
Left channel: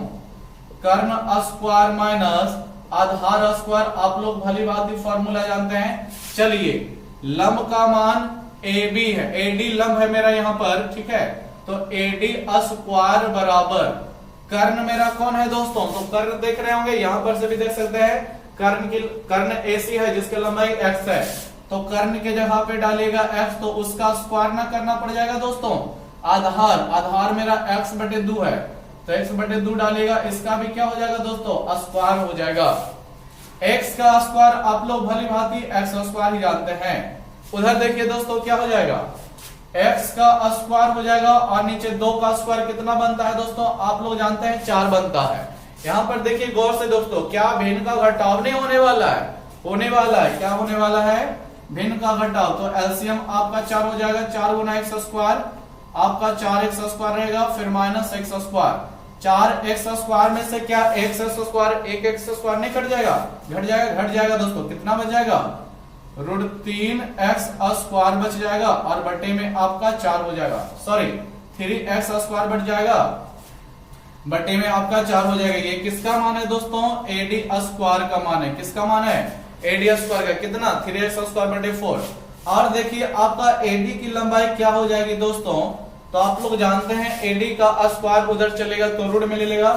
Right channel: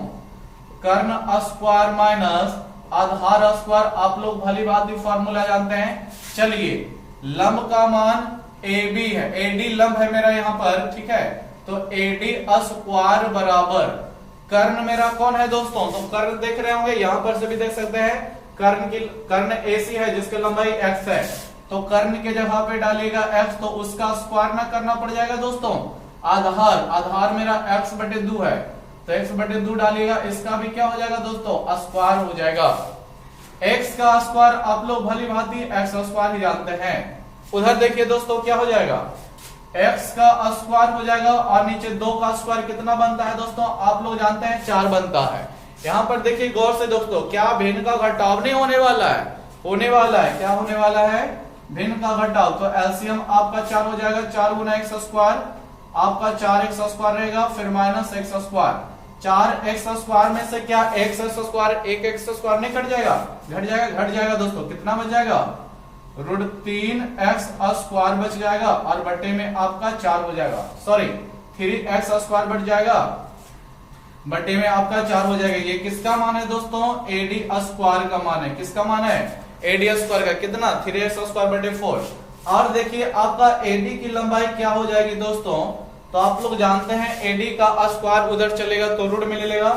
कर्ण स्क्वायर माइनस आधार स्क्वायर। आप लोग भली भांति फॉर्मूला जानते हैं। चलिए लंब का मान AB है, AD लंब है मेरा यहाँ पर, ठीक है, तो AD स्क्वायर बराबर कर्ण मेरा कौन है दोस्तों? तो कर्ण देख रहे होंगे, यहां पर से भी देख सकते हैं कर्ण AC है जिसकी लंबाई x है, तो कर्ण के जगह पे डालिएगा x, तो उसका स्क्वायर ना करना पड़ जाएगा दोस्तों। आधार मेरा x/2 है, तो x/2 डालिएगा, इसका भी क्या हो जाएगा दोस्तों? स्क्वायर हो जाएगा। x का स्क्वायर आप लोग भली भांति x² ही जानते हैं। उधर देखिए दोस्तों क्या हो जाएगा, x का स्क्वायर हो जाएगा और नीचे 2 का स्क्वायर कितना बनता है दोस्तों? आप लोग जानते हैं 4 बनता है। यहाँ पर देखिए गौर से दोस्तों, क्या भिन्न का घटाव नहीं होने वाला है? होने वाला है। क्या होने वाला है? भिन्न का घटाव। तो एलसीएम आपका 4 हो जाएगा, 4 गुना x² आपका 4x² रहेगा, फिर -x²। 4x² में से क्या x², एक x² नहीं कट जाएगा? घट जाएगा दोस्तों। कितना बच जाएगा? √3x² बच जाएगा और बटे में आपका 4 हो जाएगा, सॉरी 3x² बच जाएगा, बटे में आपका 4 हो जाएगा। ये किसका मान है दोस्तों? AD² का मान है। किसका मान है? AD² का। कितना? 3x² बटे 4। और देखिए आपका AD की लंबाई क्या हो जाएगी दोस्तों? तो आप लोग जानते हैं AD का स्क्वायर उधर चलेगा तो रूट में ले लेगा।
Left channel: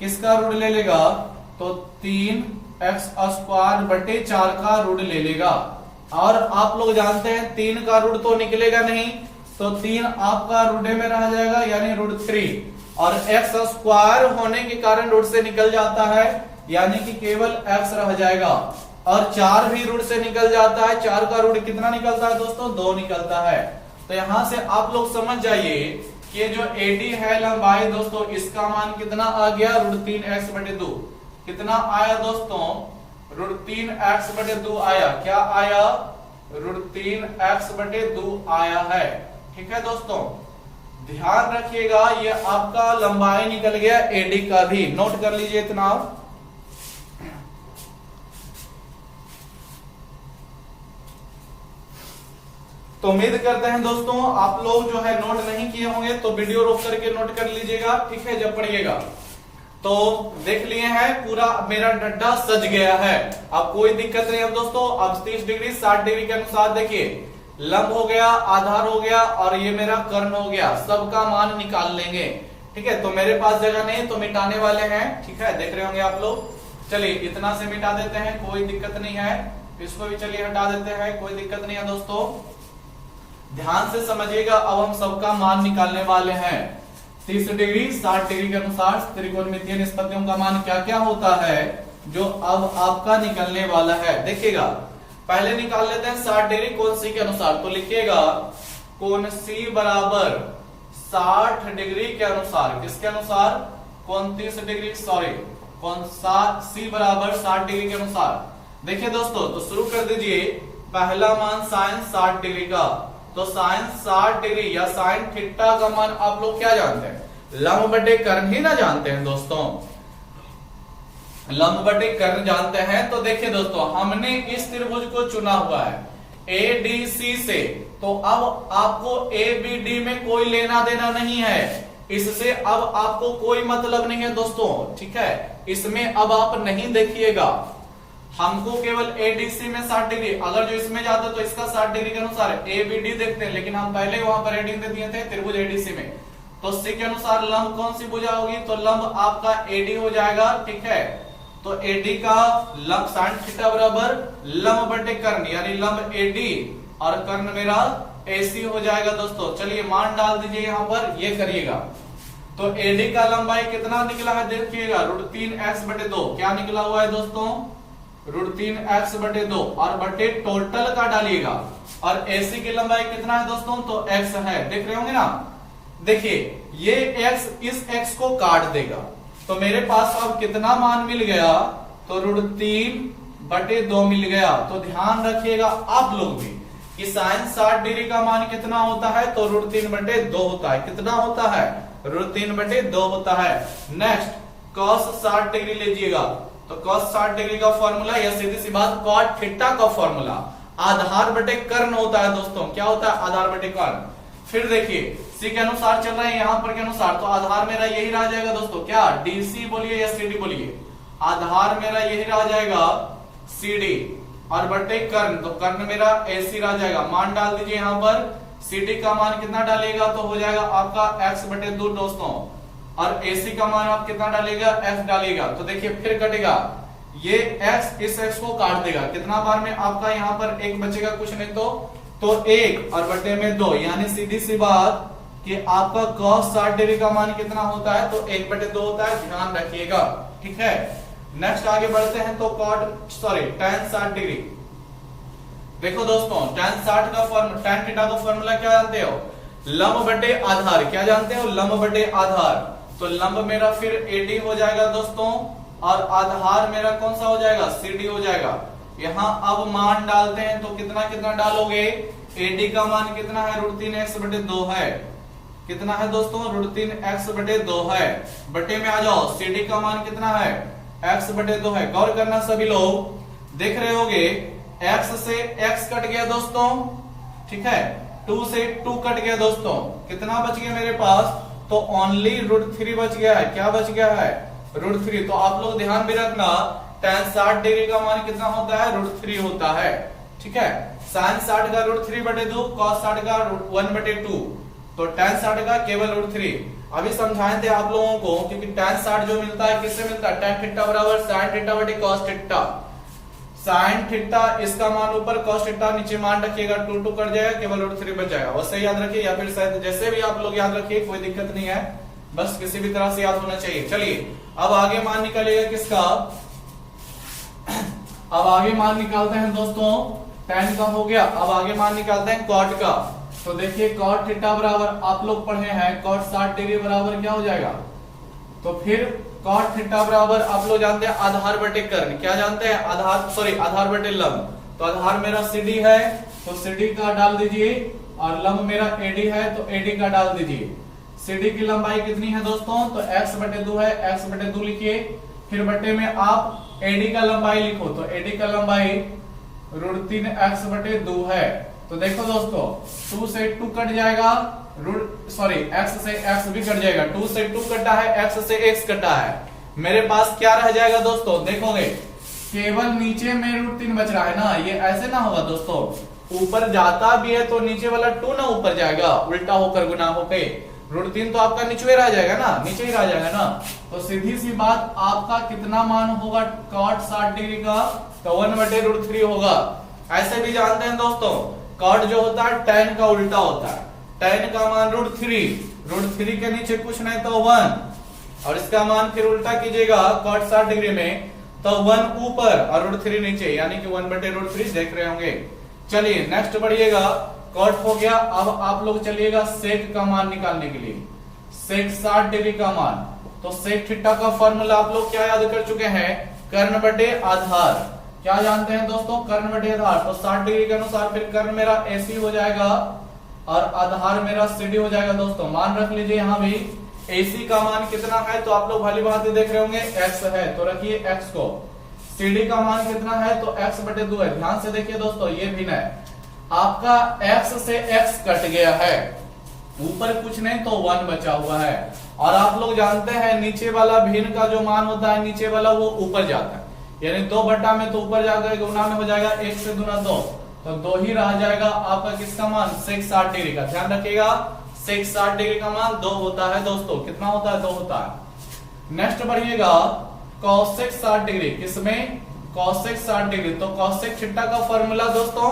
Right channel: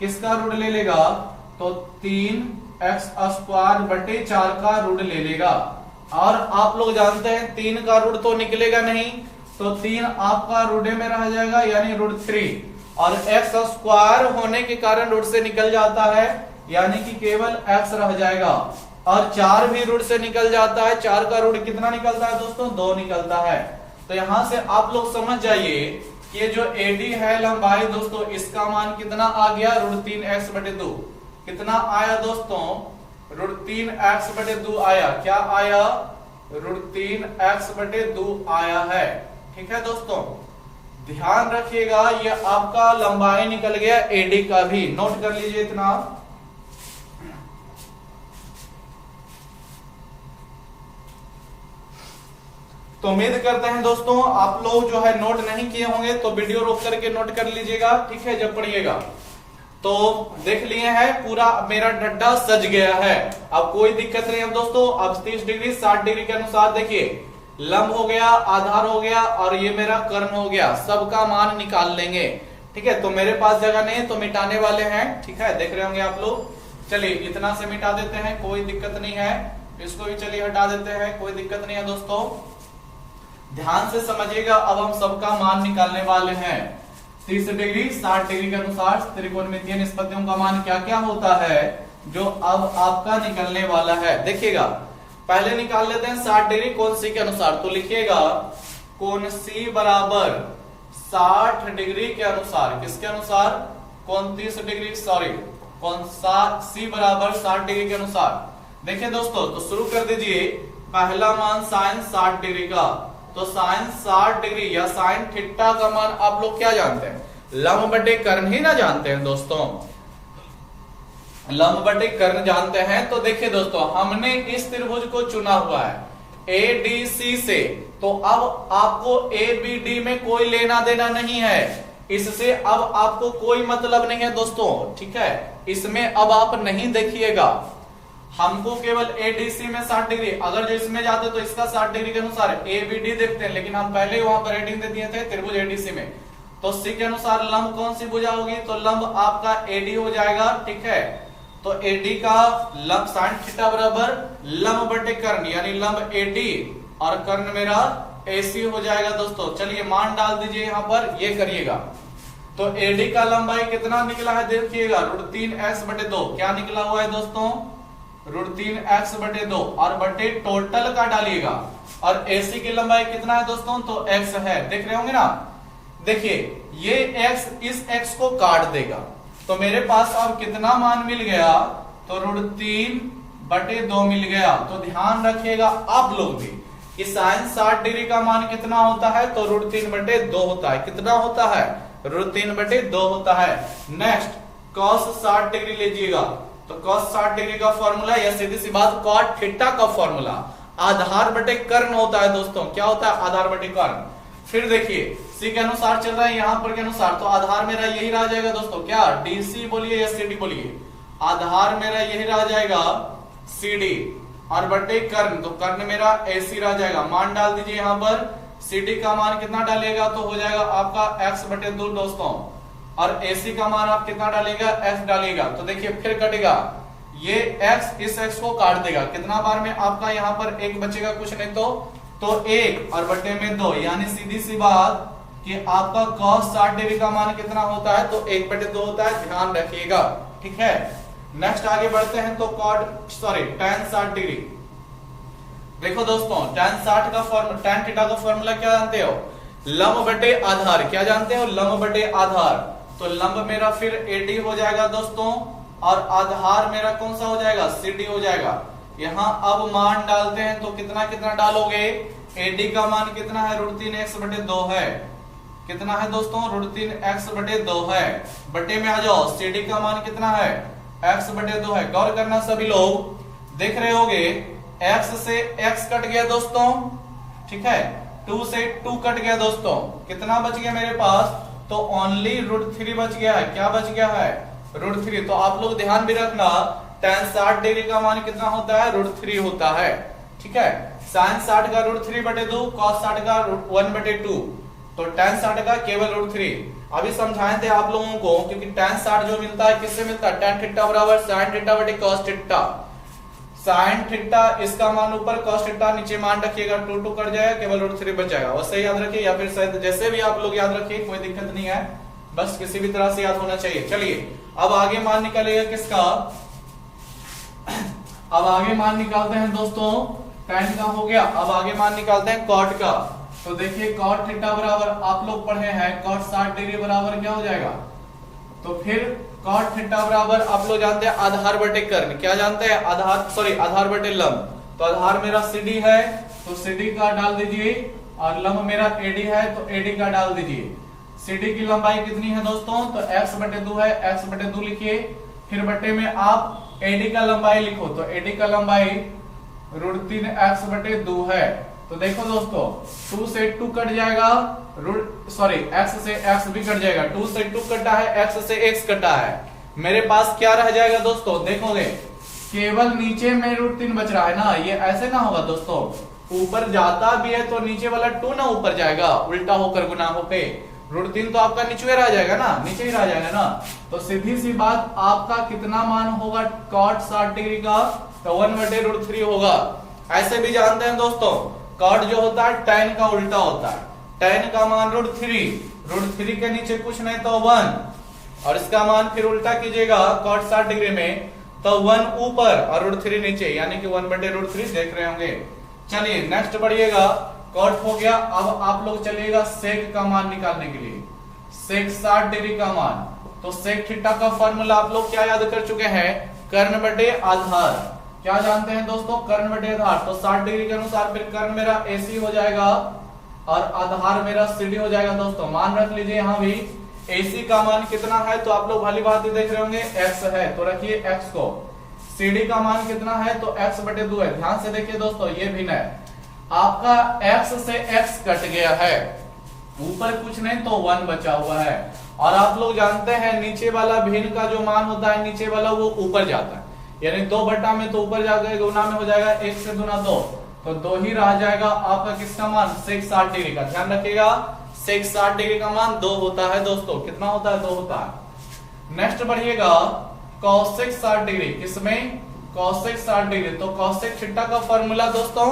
किसका रूट ले लेगा? तो 3x² बटे 4 का रूट ले लेगा। और आप लोग जानते हैं 3 का रूट तो निकलेगा नहीं, तो 3 आपका रूट में रह जाएगा, यानी √3। और x² होने के कारण रूट से निकल जाता है, यानी कि केवल x रह जाएगा। और 4 भी रूट से निकल जाता है। 4 का रूट कितना निकलता है दोस्तों? 2 निकलता है। तो यहां से आप लोग समझ जाइए कि जो AD है लंबाई दोस्तों, इसका मान कितना आ गया? √3x/2। कितना आया दोस्तों? √3x/2 आया। क्या आया? √3x/2 आया है। ठीक है दोस्तों, ध्यान रखिएगा, ये आपका लंबाई निकल गया AD का भी। नोट कर लीजिए इतना। तो उम्मीद करते हैं दोस्तों आप लोग जो है नोट नहीं किए होंगे, तो वीडियो रोक करके नोट कर लीजिएगा, ठीक है, जब पढ़िएगा। तो देख लिए हैं, पूरा मेरा डड्डा सज गया है, अब कोई दिक्कत नहीं है दोस्तों। अब 30 डिग्री 60 डिग्री के अनुसार देखिए, लंब हो गया, आधार हो गया और ये मेरा कर्ण हो गया, सबका मान निकाल लेंगे। ठीक है, तो मेरे पास जगह नहीं है तो मिटाने वाले हैं। ठीक है, देख रहे होंगे आप लोग। चलिए इतना से मिटा देते हैं, कोई दिक्कत नहीं है। इसको भी चलिए हटा देते हैं, कोई दिक्कत नहीं है दोस्तों। ध्यान से समझिएगा, अब हम सबका मान निकालने वाले हैं। 30 डिग्री 60 डिग्री के अनुसार त्रिकोणमितीय निष्पत्तियों का मान क्या क्या होता है, जो अब आपका निकलने वाला है। देखिएगा, पहले निकाल लेते हैं 60 डिग्री कोण सी के अनुसार। तो लिखिएगा कोण सी बराबर 60 डिग्री के अनुसार। किसके अनुसार? कोण 30 डिग्री, सॉरी कोण सी बराबर 60 डिग्री के अनुसार। देखिए दोस्तों, तो शुरू कर दीजिए। पहला मान साइन 60 डिग्री का, तो साइन 60 डिग्री या साइन थीटा का मान आप लोग क्या जानते हैं? लंब बटे कर्ण ही ना जानते हैं दोस्तों, लंब बटे कर्ण जानते हैं। तो देखिए दोस्तों, हमने इस त्रिभुज को चुना हुआ है ADC से, तो अब आपको ABD में कोई लेना देना नहीं है, इससे अब आपको कोई मतलब नहीं है दोस्तों। ठीक है, इसमें अब आप नहीं देखिएगा, हमको केवल ADC में 60 डिग्री, अगर जो इसमें जाते तो इसका 60 डिग्री के अनुसार ABD देखते हैं, लेकिन हम पहले वहां पर हेडिंग दे दिए थे त्रिभुज ADC में। तो C के अनुसार लंब कौन सी भुजा होगी? तो लंब आपका AD हो जाएगा। ठीक है, तो AD का लंब साइन थीटा बराबर लंब बटे कर्ण, यानी लंब AD और कर्ण मेरा AC हो जाएगा दोस्तों। चलिए मान डाल दीजिए यहाँ पर, ये करिएगा। तो AD का लंबाई कितना निकला है देखिएगा, √3x/2। क्या निकला हुआ है दोस्तों? √3x/2 और बटे टोटल का डालिएगा। और AC की लंबाई कितना है दोस्तों? तो x है, देख रहे होंगे ना। देखिए ये x इस x को काट देगा, तो मेरे पास अब कितना मान मिल गया? तो √3/2 मिल गया। तो ध्यान रखिएगा आप लोग भी कि साइन 60 डिग्री का मान कितना होता है? तो √3/2 होता है। कितना होता है? √3/2 होता है। नेक्स्ट cos 60 डिग्री लीजिएगा, तो cos 60 डिग्री का फॉर्मूला या सीधी सी बात cot थीटा का फॉर्मूला आधार बटे कर्ण होता है दोस्तों। क्या होता है? आधार बटे कर्ण। फिर देखिए C के अनुसार चल रहा है, यहां पर के अनुसार, तो आधार मेरा यही रह जाएगा दोस्तों। क्या? DC बोलिए या CD बोलिए, आधार मेरा यही रह जाएगा CD और बटे कर्ण, तो कर्ण मेरा AC रह जाएगा। मान डाल दीजिए यहाँ पर, CD का मान कितना डालेगा? तो हो जाएगा आपका x/2 दोस्तों। और AC का मान आप कितना डालेगा, x डालेगा। तो देखिए फिर कटेगा, ये x इस x को काट देगा, कितना बार में आपका यहाँ पर एक बचेगा, कुछ नहीं तो 1 और बटे में 2, यानी सीधी सी बात कि आपका cos 60 डिग्री का मान कितना होता है, तो 1/2 होता है, ध्यान रखिएगा। ठीक है, नेक्स्ट आगे बढ़ते हैं तो tan 60 डिग्री। देखो दोस्तों, tan थीटा का फॉर्मूला क्या जानते हो, लंब बटे आधार। क्या जानते हो, लंब बटे आधार। तो लंब मेरा फिर AD हो जाएगा दोस्तों, और आधार मेरा कौन सा हो जाएगा, CD हो जाएगा। यहाँ अब मान डालते हैं तो कितना कितना डालोगे, AD का मान कितना है, √3x/2 है। कितना है दोस्तों, √3x/2 है। बटे में आ जाओ, CD का मान कितना है, x/2 है। गौर करना सभी लोग, देख रहे होगे x से x कट गया दोस्तों, ठीक है, 2 से 2 कट गया दोस्तों, कितना बच गया मेरे पास, तो ओनली √3 बच गया है। क्या बच गया है, √3। तो आप लोग ध्यान भी रखना, tan 60 डिग्री का मान कितना होता है, √3 होता है। ठीक है, sin 60 का √3/2, cos 60 का 1/2, तो tan 60 का केवल √3। अभी समझाए थे आप लोगों को, क्योंकि tan 60 जो मिलता है किससे मिलता है, tan थीटा बराबर sin थीटा बटे cos थीटा। sin थीटा इसका मान ऊपर, cos थीटा नीचे, मान रखिएगा 2 कर जाएगा, केवल √3 बच जाएगा। वैसे याद रखिए, या फिर शायद जैसे भी आप लोग याद रखिए, कोई दिक्कत नहीं है, बस किसी भी तरह से याद होना चाहिए। चलिए अब आगे मान निकालिएगा किसका, अब आगे मान निकालते हैं दोस्तों, tan का हो गया, अब आगे मान निकालते हैं cot का। तो देखिए cot थीटा बराबर, आप लोग पढ़े हैं, cot 60 डिग्री बराबर क्या हो जाएगा, तो फिर cot थीटा बराबर आप लोग जानते हैं आधार बटे कर्ण। क्या जानते हैं, आधार बटे लंब। तो आधार मेरा CD है, तो CD का डाल दीजिए, और लंब मेरा AD है, तो AD का डाल दीजिए। CD की लंबाई कितनी है दोस्तों, तो x/2 है, x/2 लिखिए। फिर बटे में आप AD का लंबाई लिखो, तो AD का लंबाई √3x/2 है। तो देखो दोस्तों, 2 से 2 कट जाएगा, x से x भी कट जाएगा, 2 से 2 कटा है, x से x कटा है, मेरे पास क्या रह जाएगा दोस्तों, देखोगे केवल नीचे में √3 बच रहा है ना। ये ऐसे ना होगा दोस्तों, ऊपर जाता भी है तो नीचे वाला 2 ना ऊपर जाएगा, उल्टा होकर गुना होके, √3 तो आपका नीचे रह जाएगा ना, नीचे ही रह जाएगा ना। तो सीधी सी बात, आपका कितना मान होगा cot 60 डिग्री का, तो 1/√3 होगा। ऐसे भी जानते हैं दोस्तों, cot जो होता है tan का उल्टा होता है, tan का मान √3 के नीचे कुछ नहीं तो 1, और इसका मान फिर उल्टा कीजिएगा cot 60 डिग्री में, तो 1 ऊपर और √3 नीचे, यानी कि 1/√3 देख रहे होंगे। चलिए नेक्स्ट बढ़िएगा, cot हो गया। अब आप लोग चलिएगा sec का मान निकालने के लिए, sec 60 डिग्री का मान। तो sec थीटा का फॉर्मूला आप लोग क्या याद कर चुके हैं, कर्ण बटे आधार। क्या जानते हैं दोस्तों, कर्ण बटे आधार। तो 60 डिग्री के अनुसार फिर कर्ण मेरा AC हो जाएगा, और आधार मेरा CD हो जाएगा। दोस्तों मान रख लीजिए, यहाँ भी AC का मान कितना है, तो आप लोग भली भांति देख रहे होंगे x है, तो रखिए x को। CD का मान कितना है, तो x/2 है। ध्यान से देखिए दोस्तों, ये भिन्न है, आपका x से x कट गया है, ऊपर कुछ नहीं तो 1 बचा हुआ है। और आप लोग जानते हैं नीचे वाला भिन्न का जो मान होता है, नीचे वाला वो ऊपर जाता है, यानी 2 बटा में तो ऊपर जाकर गुना में हो जाएगा, 1 से गुना 2, तो 2 ही रह जाएगा आपका किसका मान, sec 60 डिग्री का। ध्यान रखिएगा, sec 60 डिग्री का मान 2 होता है दोस्तों। कितना होता है, 2 होता है। नेक्स्ट बढ़िएगा, cosec 60 डिग्री, किसमें, cosec 60 डिग्री। तो cosec थीटा का फॉर्मूला दोस्तों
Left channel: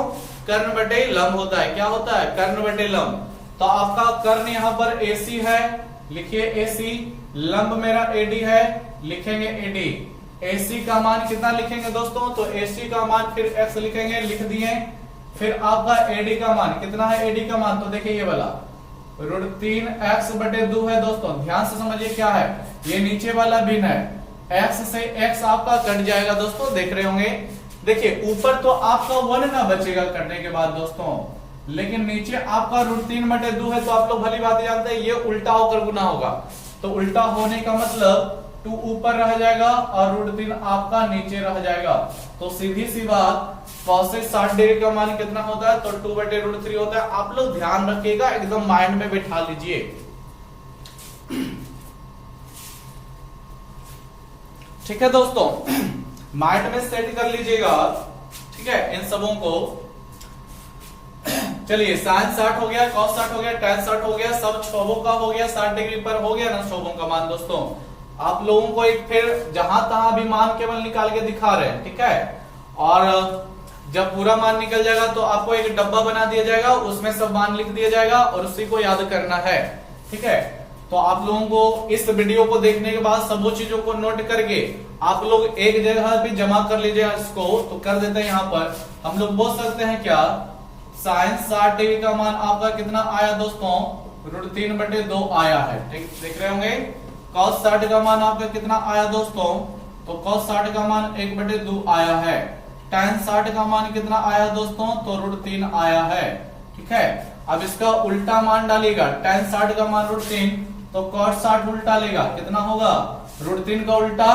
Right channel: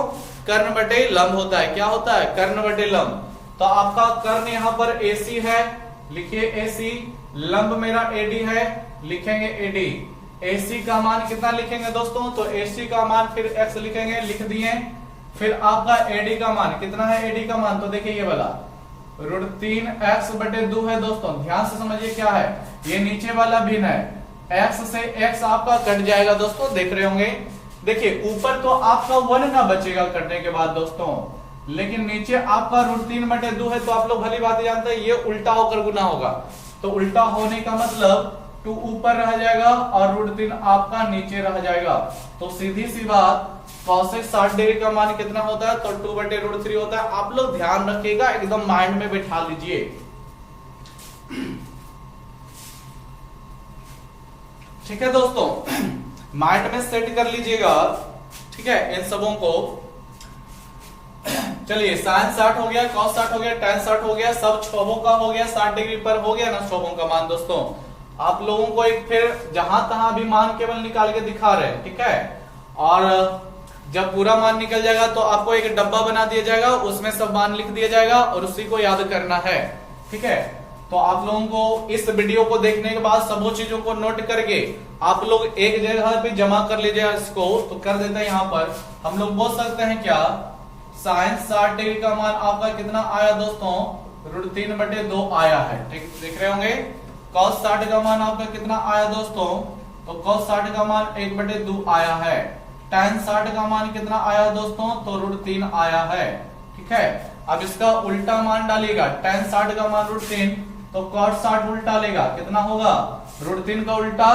कर्ण बटे लंब होता है। क्या होता है, कर्ण बटे लंब। तो आपका कर्ण यहाँ पर AC है, लिखिए AC, लंब मेरा AD है, लिखेंगे AD। AC का मान कितना लिखेंगे दोस्तों, तो AC का मान फिर x लिखेंगे, लिख दिए। फिर आपका AD का मान कितना है, AD का मान तो देखिए ये वाला √3x/2 है दोस्तों। ध्यान से समझिए क्या है, ये नीचे वाला भिन्न है, x से x आपका कट जाएगा दोस्तों, देख रहे होंगे। देखिए ऊपर तो आपका 1 ना बचेगा करने के बाद दोस्तों, लेकिन नीचे आपका √3/2 है, तो आप लोग भली बात जानते हैं ये उल्टा होकर गुना होगा। तो उल्टा होने का मतलब 2 ऊपर रह जाएगा और √3 आपका नीचे रह जाएगा। तो सीधी सी बात, cosec 60 डिग्री का मान कितना होता है, तो 2/√3 होता है। आप लोग ध्यान रखिएगा, एकदम माइंड में बैठा लीजिए। ठीक है दोस्तों, माइंड में सेट कर लीजिएगा, ठीक है इन सबों को। चलिए साइन 60 हो गया, कॉस 60 हो गया, tan 60 हो गया, सब शोभों का हो गया, 60 डिग्री पर हो गया ना शोभों का मान। दोस्तों आप लोगों को एक फिर जहां तहां भी मान केवल निकाल के दिखा रहे हैं, ठीक है। और जब पूरा मान निकल जाएगा तो आपको एक डब्बा बना दिया जाएगा, उसमें सब मान लिख दिया जाएगा और उसी को याद करना है, ठीक है। तो आप लोगों को इस वीडियो को देखने के बाद सब चीजों को नोट करके आप लोग एक जगह भी जमा कर लीजिए इसको। तो कर देते हैं, यहां पर हम लोग बोल सकते हैं क्या, साइन 60 डिग्री का मान आपका कितना आया दोस्तों, √3/2 आया है, ठीक देख रहे होंगे। cos 60 का मान आपका कितना आया दोस्तों, तो cos 60 का मान 1/2 आया है। tan 60 का मान कितना आया दोस्तों, तो √3 आया है, ठीक है। अब इसका उल्टा मान डालिएगा, tan 60 का मान √3, तो cos 60 उल्टा लेगा, कितना होगा, √3 का उल्टा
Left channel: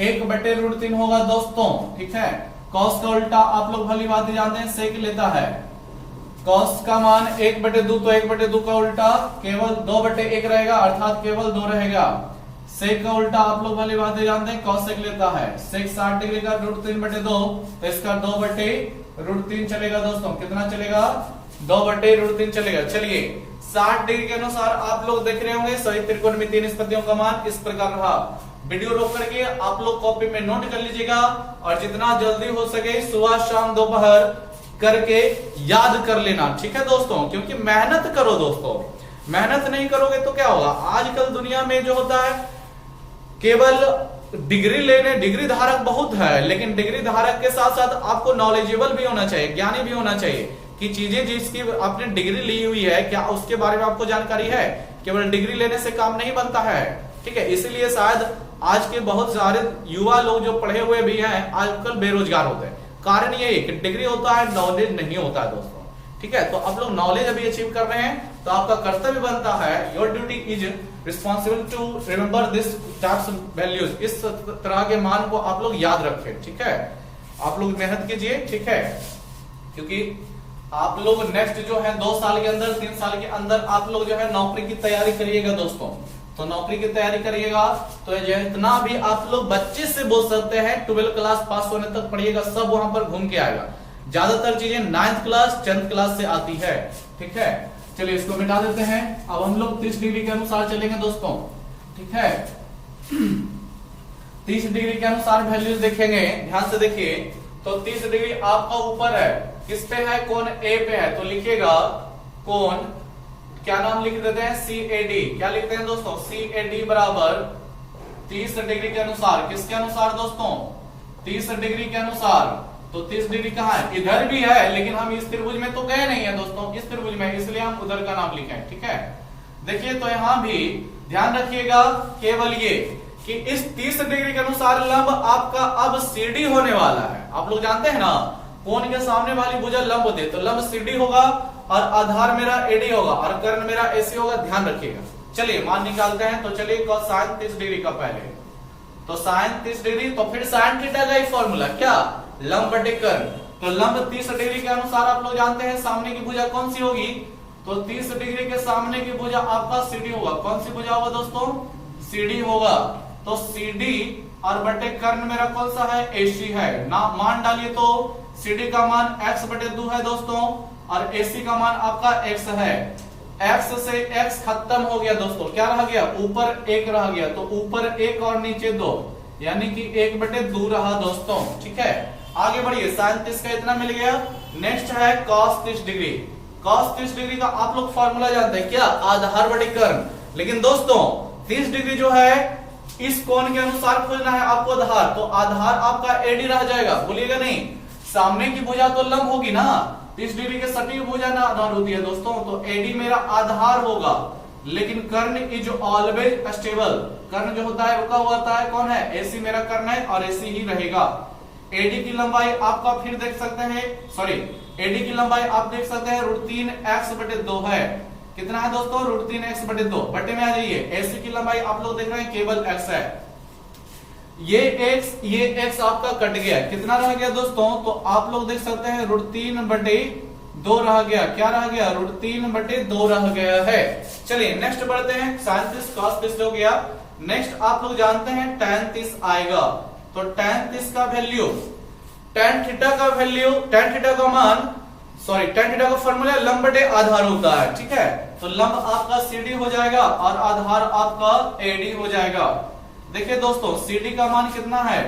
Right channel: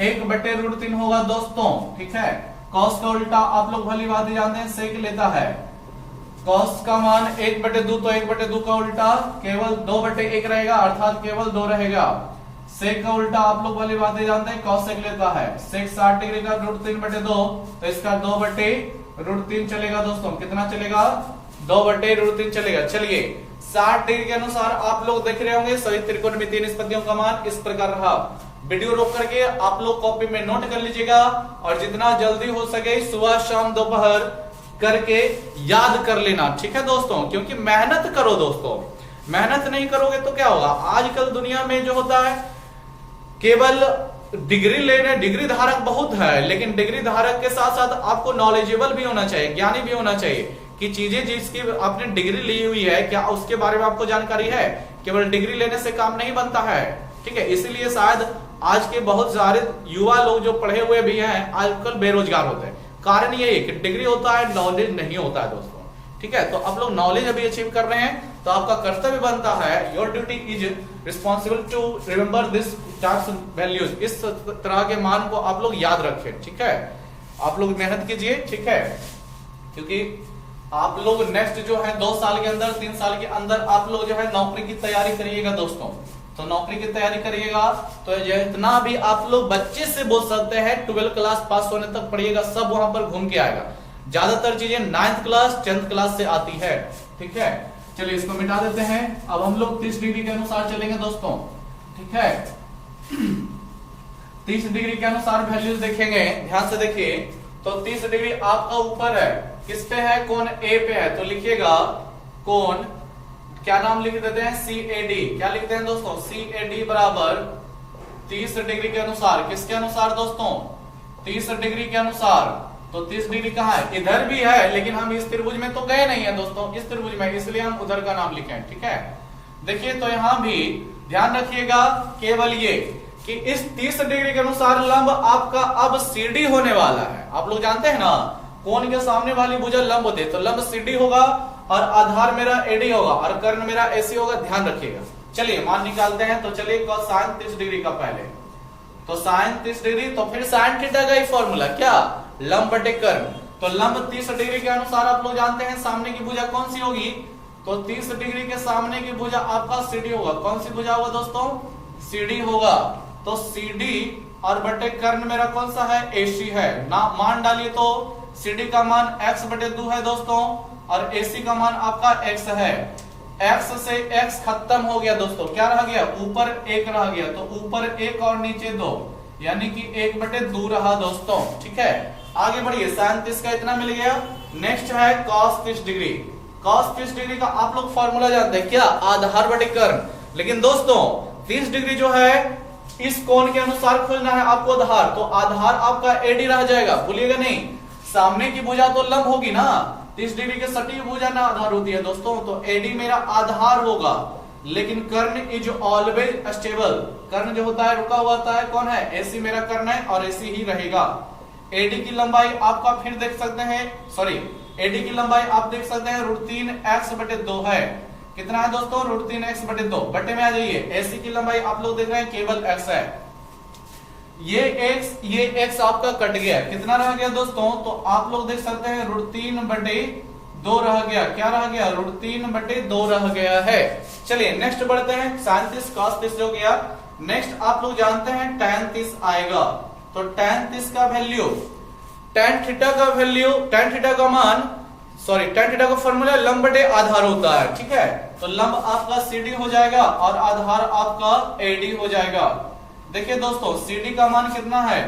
1/√3 होगा दोस्तों, ठीक है। cos का उल्टा आप लोग भली बात जानते हैं, सेक लेता है। cos का मान 1/2, तो 1/2 का उल्टा केवल 2/1 रहेगा, अर्थात केवल 2 रहेगा। सेक का उल्टा आप लोग वाली बातें जानते हैं, cos सेक लेता है। सेक 60 डिग्री का √3/2, तो इसका 2/√3 चलेगा दोस्तों, कितना चलेगा, 2/√3 चलेगा। चलिए 60 डिग्री के अनुसार आप लोग देख रहे होंगे सभी त्रिकोणमितीय निष्पत्तियों का मान इस प्रकार रहा। वीडियो रोक करके आप लोग कॉपी में नोट कर लीजिएगा और जितना जल्दी हो सके सुबह शाम दोपहर करके याद कर लेना, ठीक है दोस्तों। क्योंकि मेहनत करो दोस्तों, मेहनत नहीं करोगे तो क्या होगा, आजकल दुनिया में जो होता है केवल डिग्री लेने, डिग्री धारक बहुत है, लेकिन डिग्री धारक के साथ साथ आपको नॉलेजेबल भी होना चाहिए, ज्ञानी भी होना चाहिए कि चीजें जिसकी आपने डिग्री ली हुई है क्या उसके बारे में आपको जानकारी है। केवल डिग्री लेने से काम नहीं बनता है, ठीक है। इसीलिए शायद आज के बहुत सारे युवा लोग जो पढ़े हुए भी हैं आजकल बेरोजगार होते हैं। कारण यही है कि डिग्री होता है, नॉलेज नहीं होता है दोस्तों, ठीक है। तो आप लोग नॉलेज अभी अचीव कर रहे हैं तो आपका कर्तव्य बनता है, your duty is responsible to remember this types values, इस तरह के मान को आप लोग याद रखें, ठीक है। आप लोग मेहनत कीजिए, ठीक है, क्योंकि आप लोग नेक्स्ट जो है 2 साल के अंदर, 3 साल के अंदर आप लोग जो है नौकरी की तैयारी करिएगा दोस्तों। तो नौकरी की तैयारी करिएगा तो जितना भी आप लोग बच्चे से बोल सकते हैं 12 क्लास पास होने तक पढ़िएगा, सब वहां पर घूम के आएगा। ज्यादातर चीजें 9th क्लास 10th क्लास से आती है, ठीक है। चलिए इसको मिटा देते हैं। अब हम लोग 30 डिग्री के अनुसार चलेंगे दोस्तों, ठीक है। 30 डिग्री के अनुसार वैल्यूज देखेंगे, ध्यान से देखिए। तो 30 डिग्री आपका ऊपर है, किस पे है, कोण ए पे है, तो लिखिएगा कोण, क्या नाम लिख देते हैं, CAD। क्या लिखते हैं दोस्तों, CAD बराबर 30 डिग्री के अनुसार, किसके अनुसार दोस्तों, 30 डिग्री के अनुसार। तो 30 डिग्री कहाँ है, इधर भी है, लेकिन हम इस त्रिभुज में तो गए नहीं है दोस्तों, इस त्रिभुज में, इसलिए हम उधर का नाम लिखे, ठीक है। देखिए तो यहां भी ध्यान रखिएगा केवल ये कि इस 30 डिग्री के अनुसार लंब आपका अब CD होने वाला है। आप लोग जानते हैं ना, कोण के सामने वाली भुजा लंब होते, तो लंब CD होगा और आधार मेरा AD होगा और कर्ण मेरा AC होगा, ध्यान रखिएगा। चलिए मान निकालते हैं। तो चलिए साइन 30 डिग्री का पहले, तो साइन 30 डिग्री, तो फिर साइन थीटा का एक फॉर्मूला क्या, लंब बटे कर्ण। तो लंब 30 डिग्री के अनुसार आप लोग जानते हैं सामने की भुजा कौन सी होगी, तो 30 डिग्री के सामने की भुजा आपका CD होगा। कौन सी भुजा होगा दोस्तों, CD होगा। तो CD और बटे कर्ण मेरा कौन सा है, AC है ना। मान डालिए तो CD का मान x/2 है दोस्तों और AC का मान आपका x है। x से x खत्म हो गया दोस्तों, क्या रह गया, ऊपर 1 रह गया, तो ऊपर 1 और नीचे 2, यानी कि 1/2 रहा दोस्तों, ठीक है। आगे बढ़िए, साइन 30 का इतना मिल गया। नेक्स्ट है cos 30 डिग्री। cos 30 डिग्री का आप लोग फॉर्मूला जानते हैं क्या, आधार बटे कर्ण। लेकिन दोस्तों 30 डिग्री जो है इस कोण के अनुसार खोजना है आपको आधार, तो आधार आपका AD रह जाएगा, भूलिएगा नहीं। सामने की भुजा तो लंब होगी ना, 30 डिग्री के सटीक भुजा ना आधार होती है दोस्तों, तो AD मेरा आधार होगा। लेकिन कर्ण इज ऑलवेज स्टेबल, कर्ण जो होता है रुका हुआ होता है, कौन है, AC मेरा कर्ण है और AC ही रहेगा। AD की लंबाई आपका फिर देख सकते हैं, सॉरी AD की लंबाई आप देख सकते हैं √3x/2 है। कितना है दोस्तों, √3x/2, बटे में आ जाइए। AC की लंबाई आप लोग देख रहे हैं केवल x है, ये x आपका कट गया, कितना रह गया दोस्तों, तो आप लोग देख सकते हैं √3/2 रह गया। क्या रह गया, √3/2 रह गया है। चलिए नेक्स्ट बढ़ते हैं, sin 30 cos 30 हो गया। नेक्स्ट आप लोग जानते हैं tan 30 आएगा, तो tan 30 का वैल्यू, tan थीटा का वैल्यू, tan थीटा का मान सॉरी tan थीटा का फॉर्मूला लंब बटे आधार होता है, ठीक है। तो लंब आपका CD हो जाएगा और आधार आपका AD हो जाएगा। देखिए दोस्तों CD का मान कितना है,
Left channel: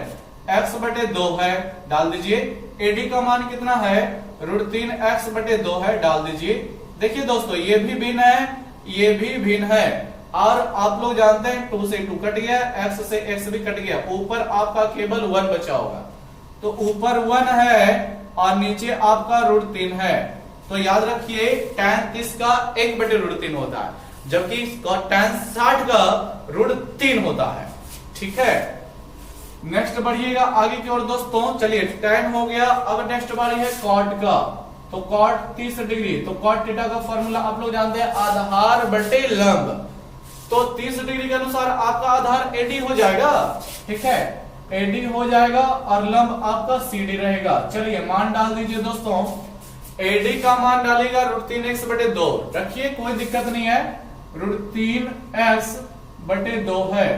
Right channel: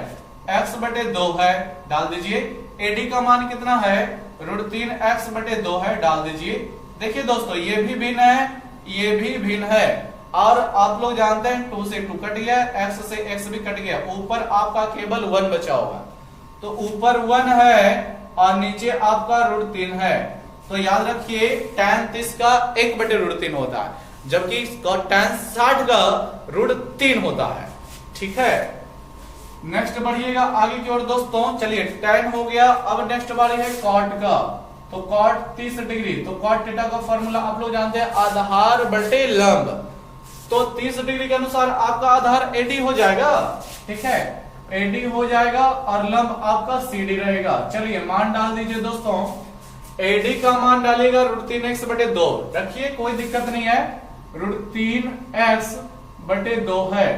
x बटे 2 है, डाल दीजिए। AD का मान कितना है, √3x बटे 2 है, डाल दीजिए। देखिए दोस्तों ये भी भिन्न है, ये भी भिन्न है, और आप लोग जानते हैं 2 से 2 कट गया, x से x भी कट गया, ऊपर आपका केवल 1 बचा होगा। तो ऊपर 1 है और नीचे आपका √3 है। तो याद रखिए tan 30 का 1 बटे √3 होता है, जबकि tan 60 का √3 होता है, ठीक है। नेक्स्ट बढ़िएगा आगे की ओर दोस्तों। चलिए tan हो गया, अब नेक्स्ट बारी है cot का। तो cot 30 डिग्री, तो cot थीटा का फॉर्मूला आप लोग जानते हैं आधार बटे लंब। तो 30 डिग्री के अनुसार आपका आधार AD हो जाएगा, ठीक है, AD हो जाएगा और लंब आपका CD रहेगा। चलिए मान डाल दीजिए दोस्तों। AD का मान डालिएगा √3x बटे 2, रखिए कोई दिक्कत नहीं है, √3x बटे 2 है।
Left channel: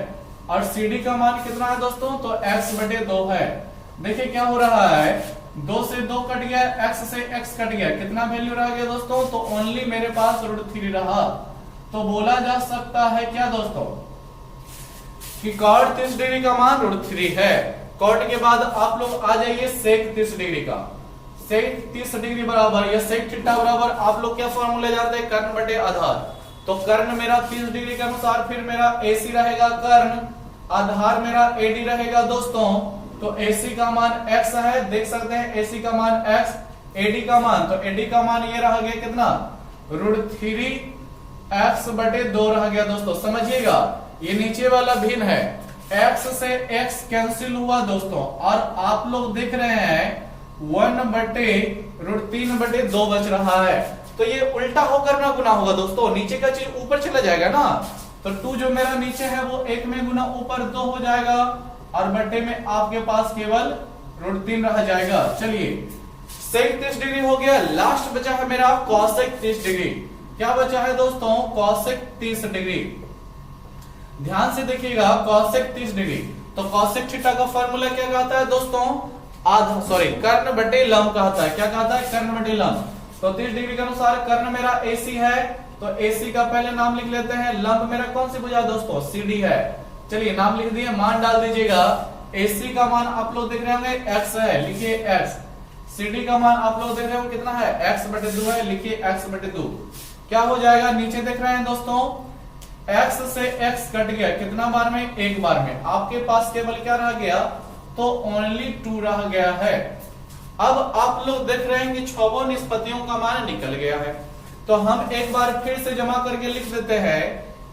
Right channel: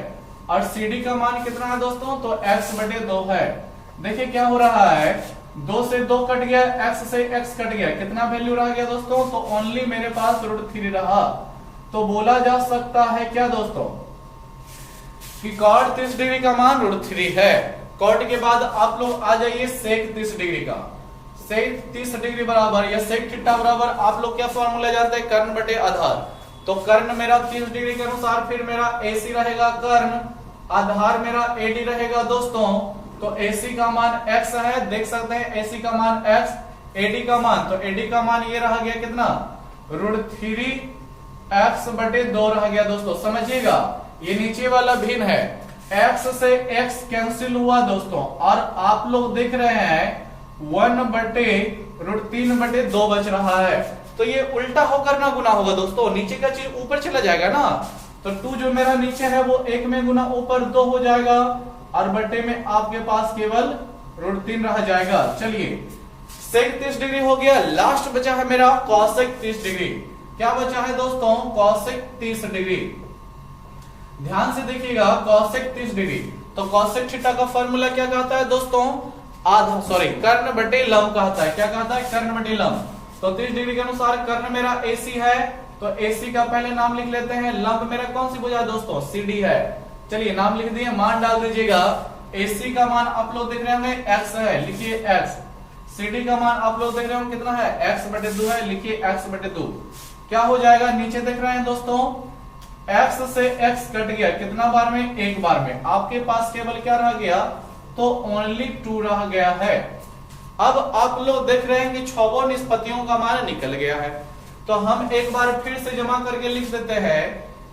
और CD का मान कितना है दोस्तों, तो x बटे 2 है। देखिए क्या हो रहा है, 2 से 2 कट गया, x से x कट गया, कितना वैल्यू रह गया दोस्तों, तो ओनली मेरे पास √3 रहा। तो बोला जा सकता है क्या दोस्तों कि cot 30 डिग्री का मान √3 है। cot के बाद आप लोग आ जाइए sec 30 डिग्री का। sec 30 डिग्री बराबर या sec थीटा बराबर आप लोग क्या फॉर्मूला जानते हैं, कर्ण बटे आधार। तो कर्ण मेरा 30 डिग्री के अनुसार फिर मेरा AC रहेगा कर्ण, आधार मेरा AD रहेगा दोस्तों। तो AC का मान x है, देख सकते हैं AC का मान x, AD का मान, तो AD का मान ये रह गया कितना, √3x बटे 2 रह गया दोस्तों। समझिएगा ये नीचे वाला भिन्न है, x से x कैंसिल हुआ दोस्तों, और आप लोग देख रहे हैं 1 बटे √3 बटे 2 बच रहा है। तो ये उल्टा होकर ना गुना होगा दोस्तों, नीचे का चीज ऊपर चला जाएगा ना। तो 2 जो मेरा नीचे है वो 1 में गुना ऊपर 2 हो जाएगा, और बटे में आपके पास केवल √3 रह जाएगा। चलिए sec 30 डिग्री हो गया, लास्ट बचा है मेरा cosec 30 डिग्री। क्या बचा है दोस्तों, cosec 30 डिग्री। ध्यान से देखिएगा cosec 30 डिग्री, तो cosec थीटा का फॉर्मूला क्या कहता है दोस्तों, आधा सॉरी कर्ण बटे लंब कहता है। क्या कहता है, कर्ण बटे लंब। तो 30 डिग्री के अनुसार कर्ण मेरा AC है, तो AC का पहले नाम लिख लेते हैं। लंब मेरा कौन सी भुजा दोस्तों, CD है। चलिए नाम लिख दिए, मान डाल दीजिएगा। AC का मान आप लोग देख रहे होंगे x है, लिखिए x। CD का मान आप लोग देख रहे होंगे कितना है, x बटे 2 है, लिखिए x बटे 2। क्या हो जाएगा, नीचे देख रहे हैं दोस्तों x से x कट गया, कितना बार में, एक बार में। आपके पास केवल क्या रह गया, तो ओनली 2 रह गया है। अब आप लोग देख रहे हैं कि छहों निष्पत्तियों का मान निकल गया है। तो हम एक बार फिर से जमा करके लिख देते हैं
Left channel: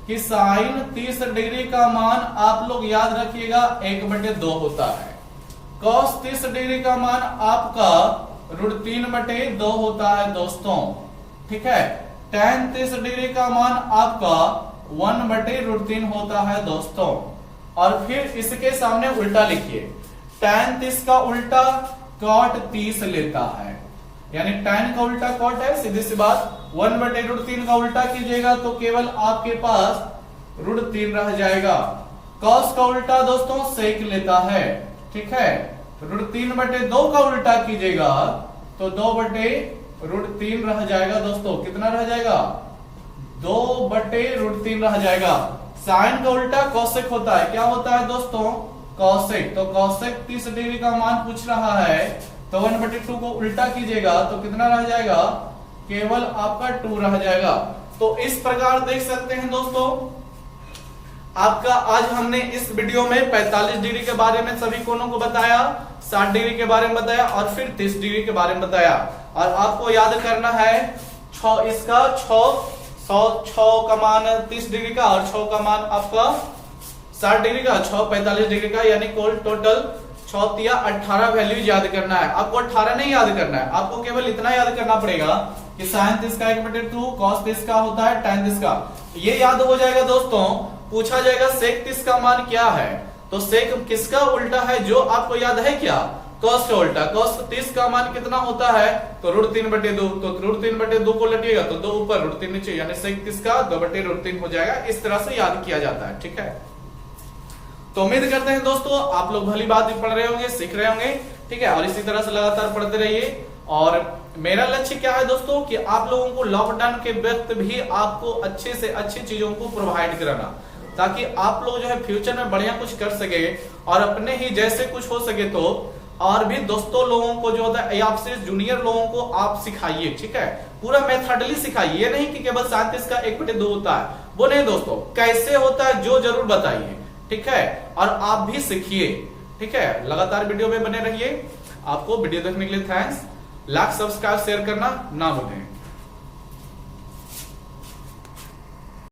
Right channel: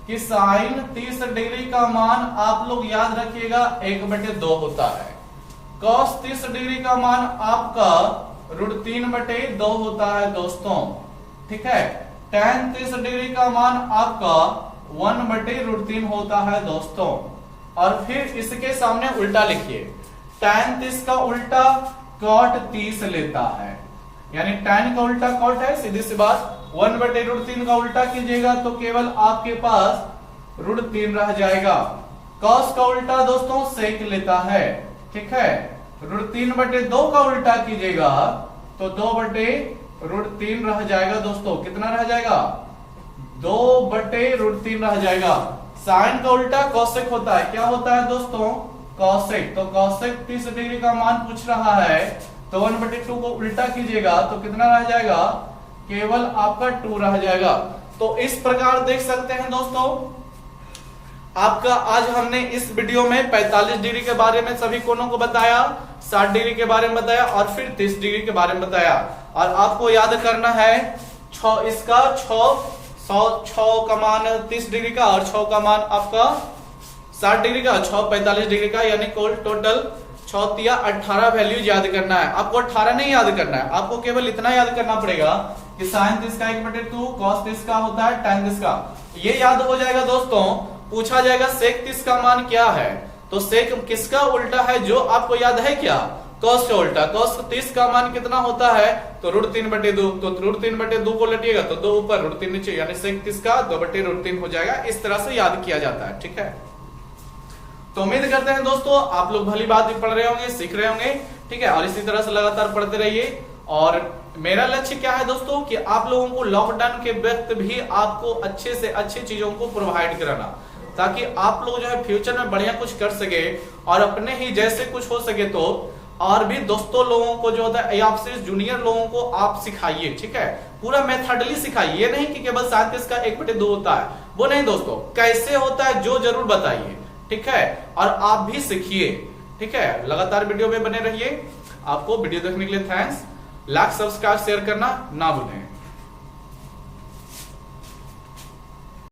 कि साइन 30 डिग्री का मान आप लोग याद रखिएगा 1 बटे 2 होता है। cos 30 डिग्री का मान आपका √3 बटे 2 होता है दोस्तों, ठीक है। tan 30 डिग्री का मान आपका 1 बटे √3 होता है दोस्तों। और फिर इसके सामने उल्टा लिखिए, tan 30 का उल्टा cot 30 लेता है, यानी tan का उल्टा cot है, सीधी सी बात। 1 बटे √3 का उल्टा कीजिएगा तो केवल आपके पास √3 रह जाएगा। cos का उल्टा दोस्तों sec लेता है, ठीक है। √3 बटे 2 का उल्टा कीजिएगा तो 2 बटे √3 रह जाएगा दोस्तों। कितना रह जाएगा, 2 बटे √3 रह जाएगा। साइन का उल्टा cosec होता है, क्या होता है दोस्तों, cosec। तो cosec 30 डिग्री का मान पूछ रहा है, तो 1 बटे 2 को उल्टा कीजिएगा तो कितना रह जाएगा, केवल आपका 2 रह जाएगा। तो इस प्रकार देख सकते हैं दोस्तों, आपका आज हमने इस वीडियो में 45 डिग्री के बारे में सभी कोणों को बताया, 60 डिग्री के बारे में बताया और फिर 30 डिग्री के बारे में बताया। और आपको याद करना है इसका 6 का मान 30 डिग्री का और 6 का मान आपका 60 डिग्री का, 6 45 डिग्री का, यानी टोटल 6 या 18 वैल्यू याद करना है। आपको 18 नहीं याद करना है, आपको केवल इतना याद करना पड़ेगा कि साइन 30 का 1 बटे 2, cos 30 का होता है tan 30 का। ये याद हो जाएगा दोस्तों। पूछा जाएगा sec 30 का मान क्या है, तो sec किसका उल्टा है, जो आपको याद है क्या, cos का उल्टा। cos 30 का मान कितना होता है, तो √3 बटे 2, तो √3 बटे 2 को लटिएगा तो 2 ऊपर √3 नीचे, यानी sec 30 का 2 बटे √3 हो जाएगा। इस तरह से याद किया जाता है, ठीक है। तो उम्मीद करते हैं दोस्तों आप लोग भली बात भी पढ़ रहे होंगे, सीख रहे होंगे, ठीक है। और इसी तरह से लगातार पढ़ते रहिए और मेरा लक्ष्य क्या है दोस्तों कि आप लोगों को लॉकडाउन के वक्त भी आपको अच्छे से अच्छी चीजों को प्रोवाइड कराना, ताकि आप लोग जो है फ्यूचर में बढ़िया कुछ कर सके और अपने ही जैसे कुछ हो सके तो और भी दोस्तों लोगों को जो होता है आपसे जूनियर लोगों को आप सिखाइए, ठीक है। पूरा मेथडली सिखाइए, ये नहीं कि केवल 7 का 1/2 होता है, वो नहीं दोस्तों, कैसे होता है जो जरूर बताइए, ठीक है। और आप भी सीखिए, ठीक है। लगातार वीडियो में बने रहिए। आपको वीडियो देखने के लिए थैंक्स। लाइक, सब्सक्राइब, शेयर करना ना भूलें।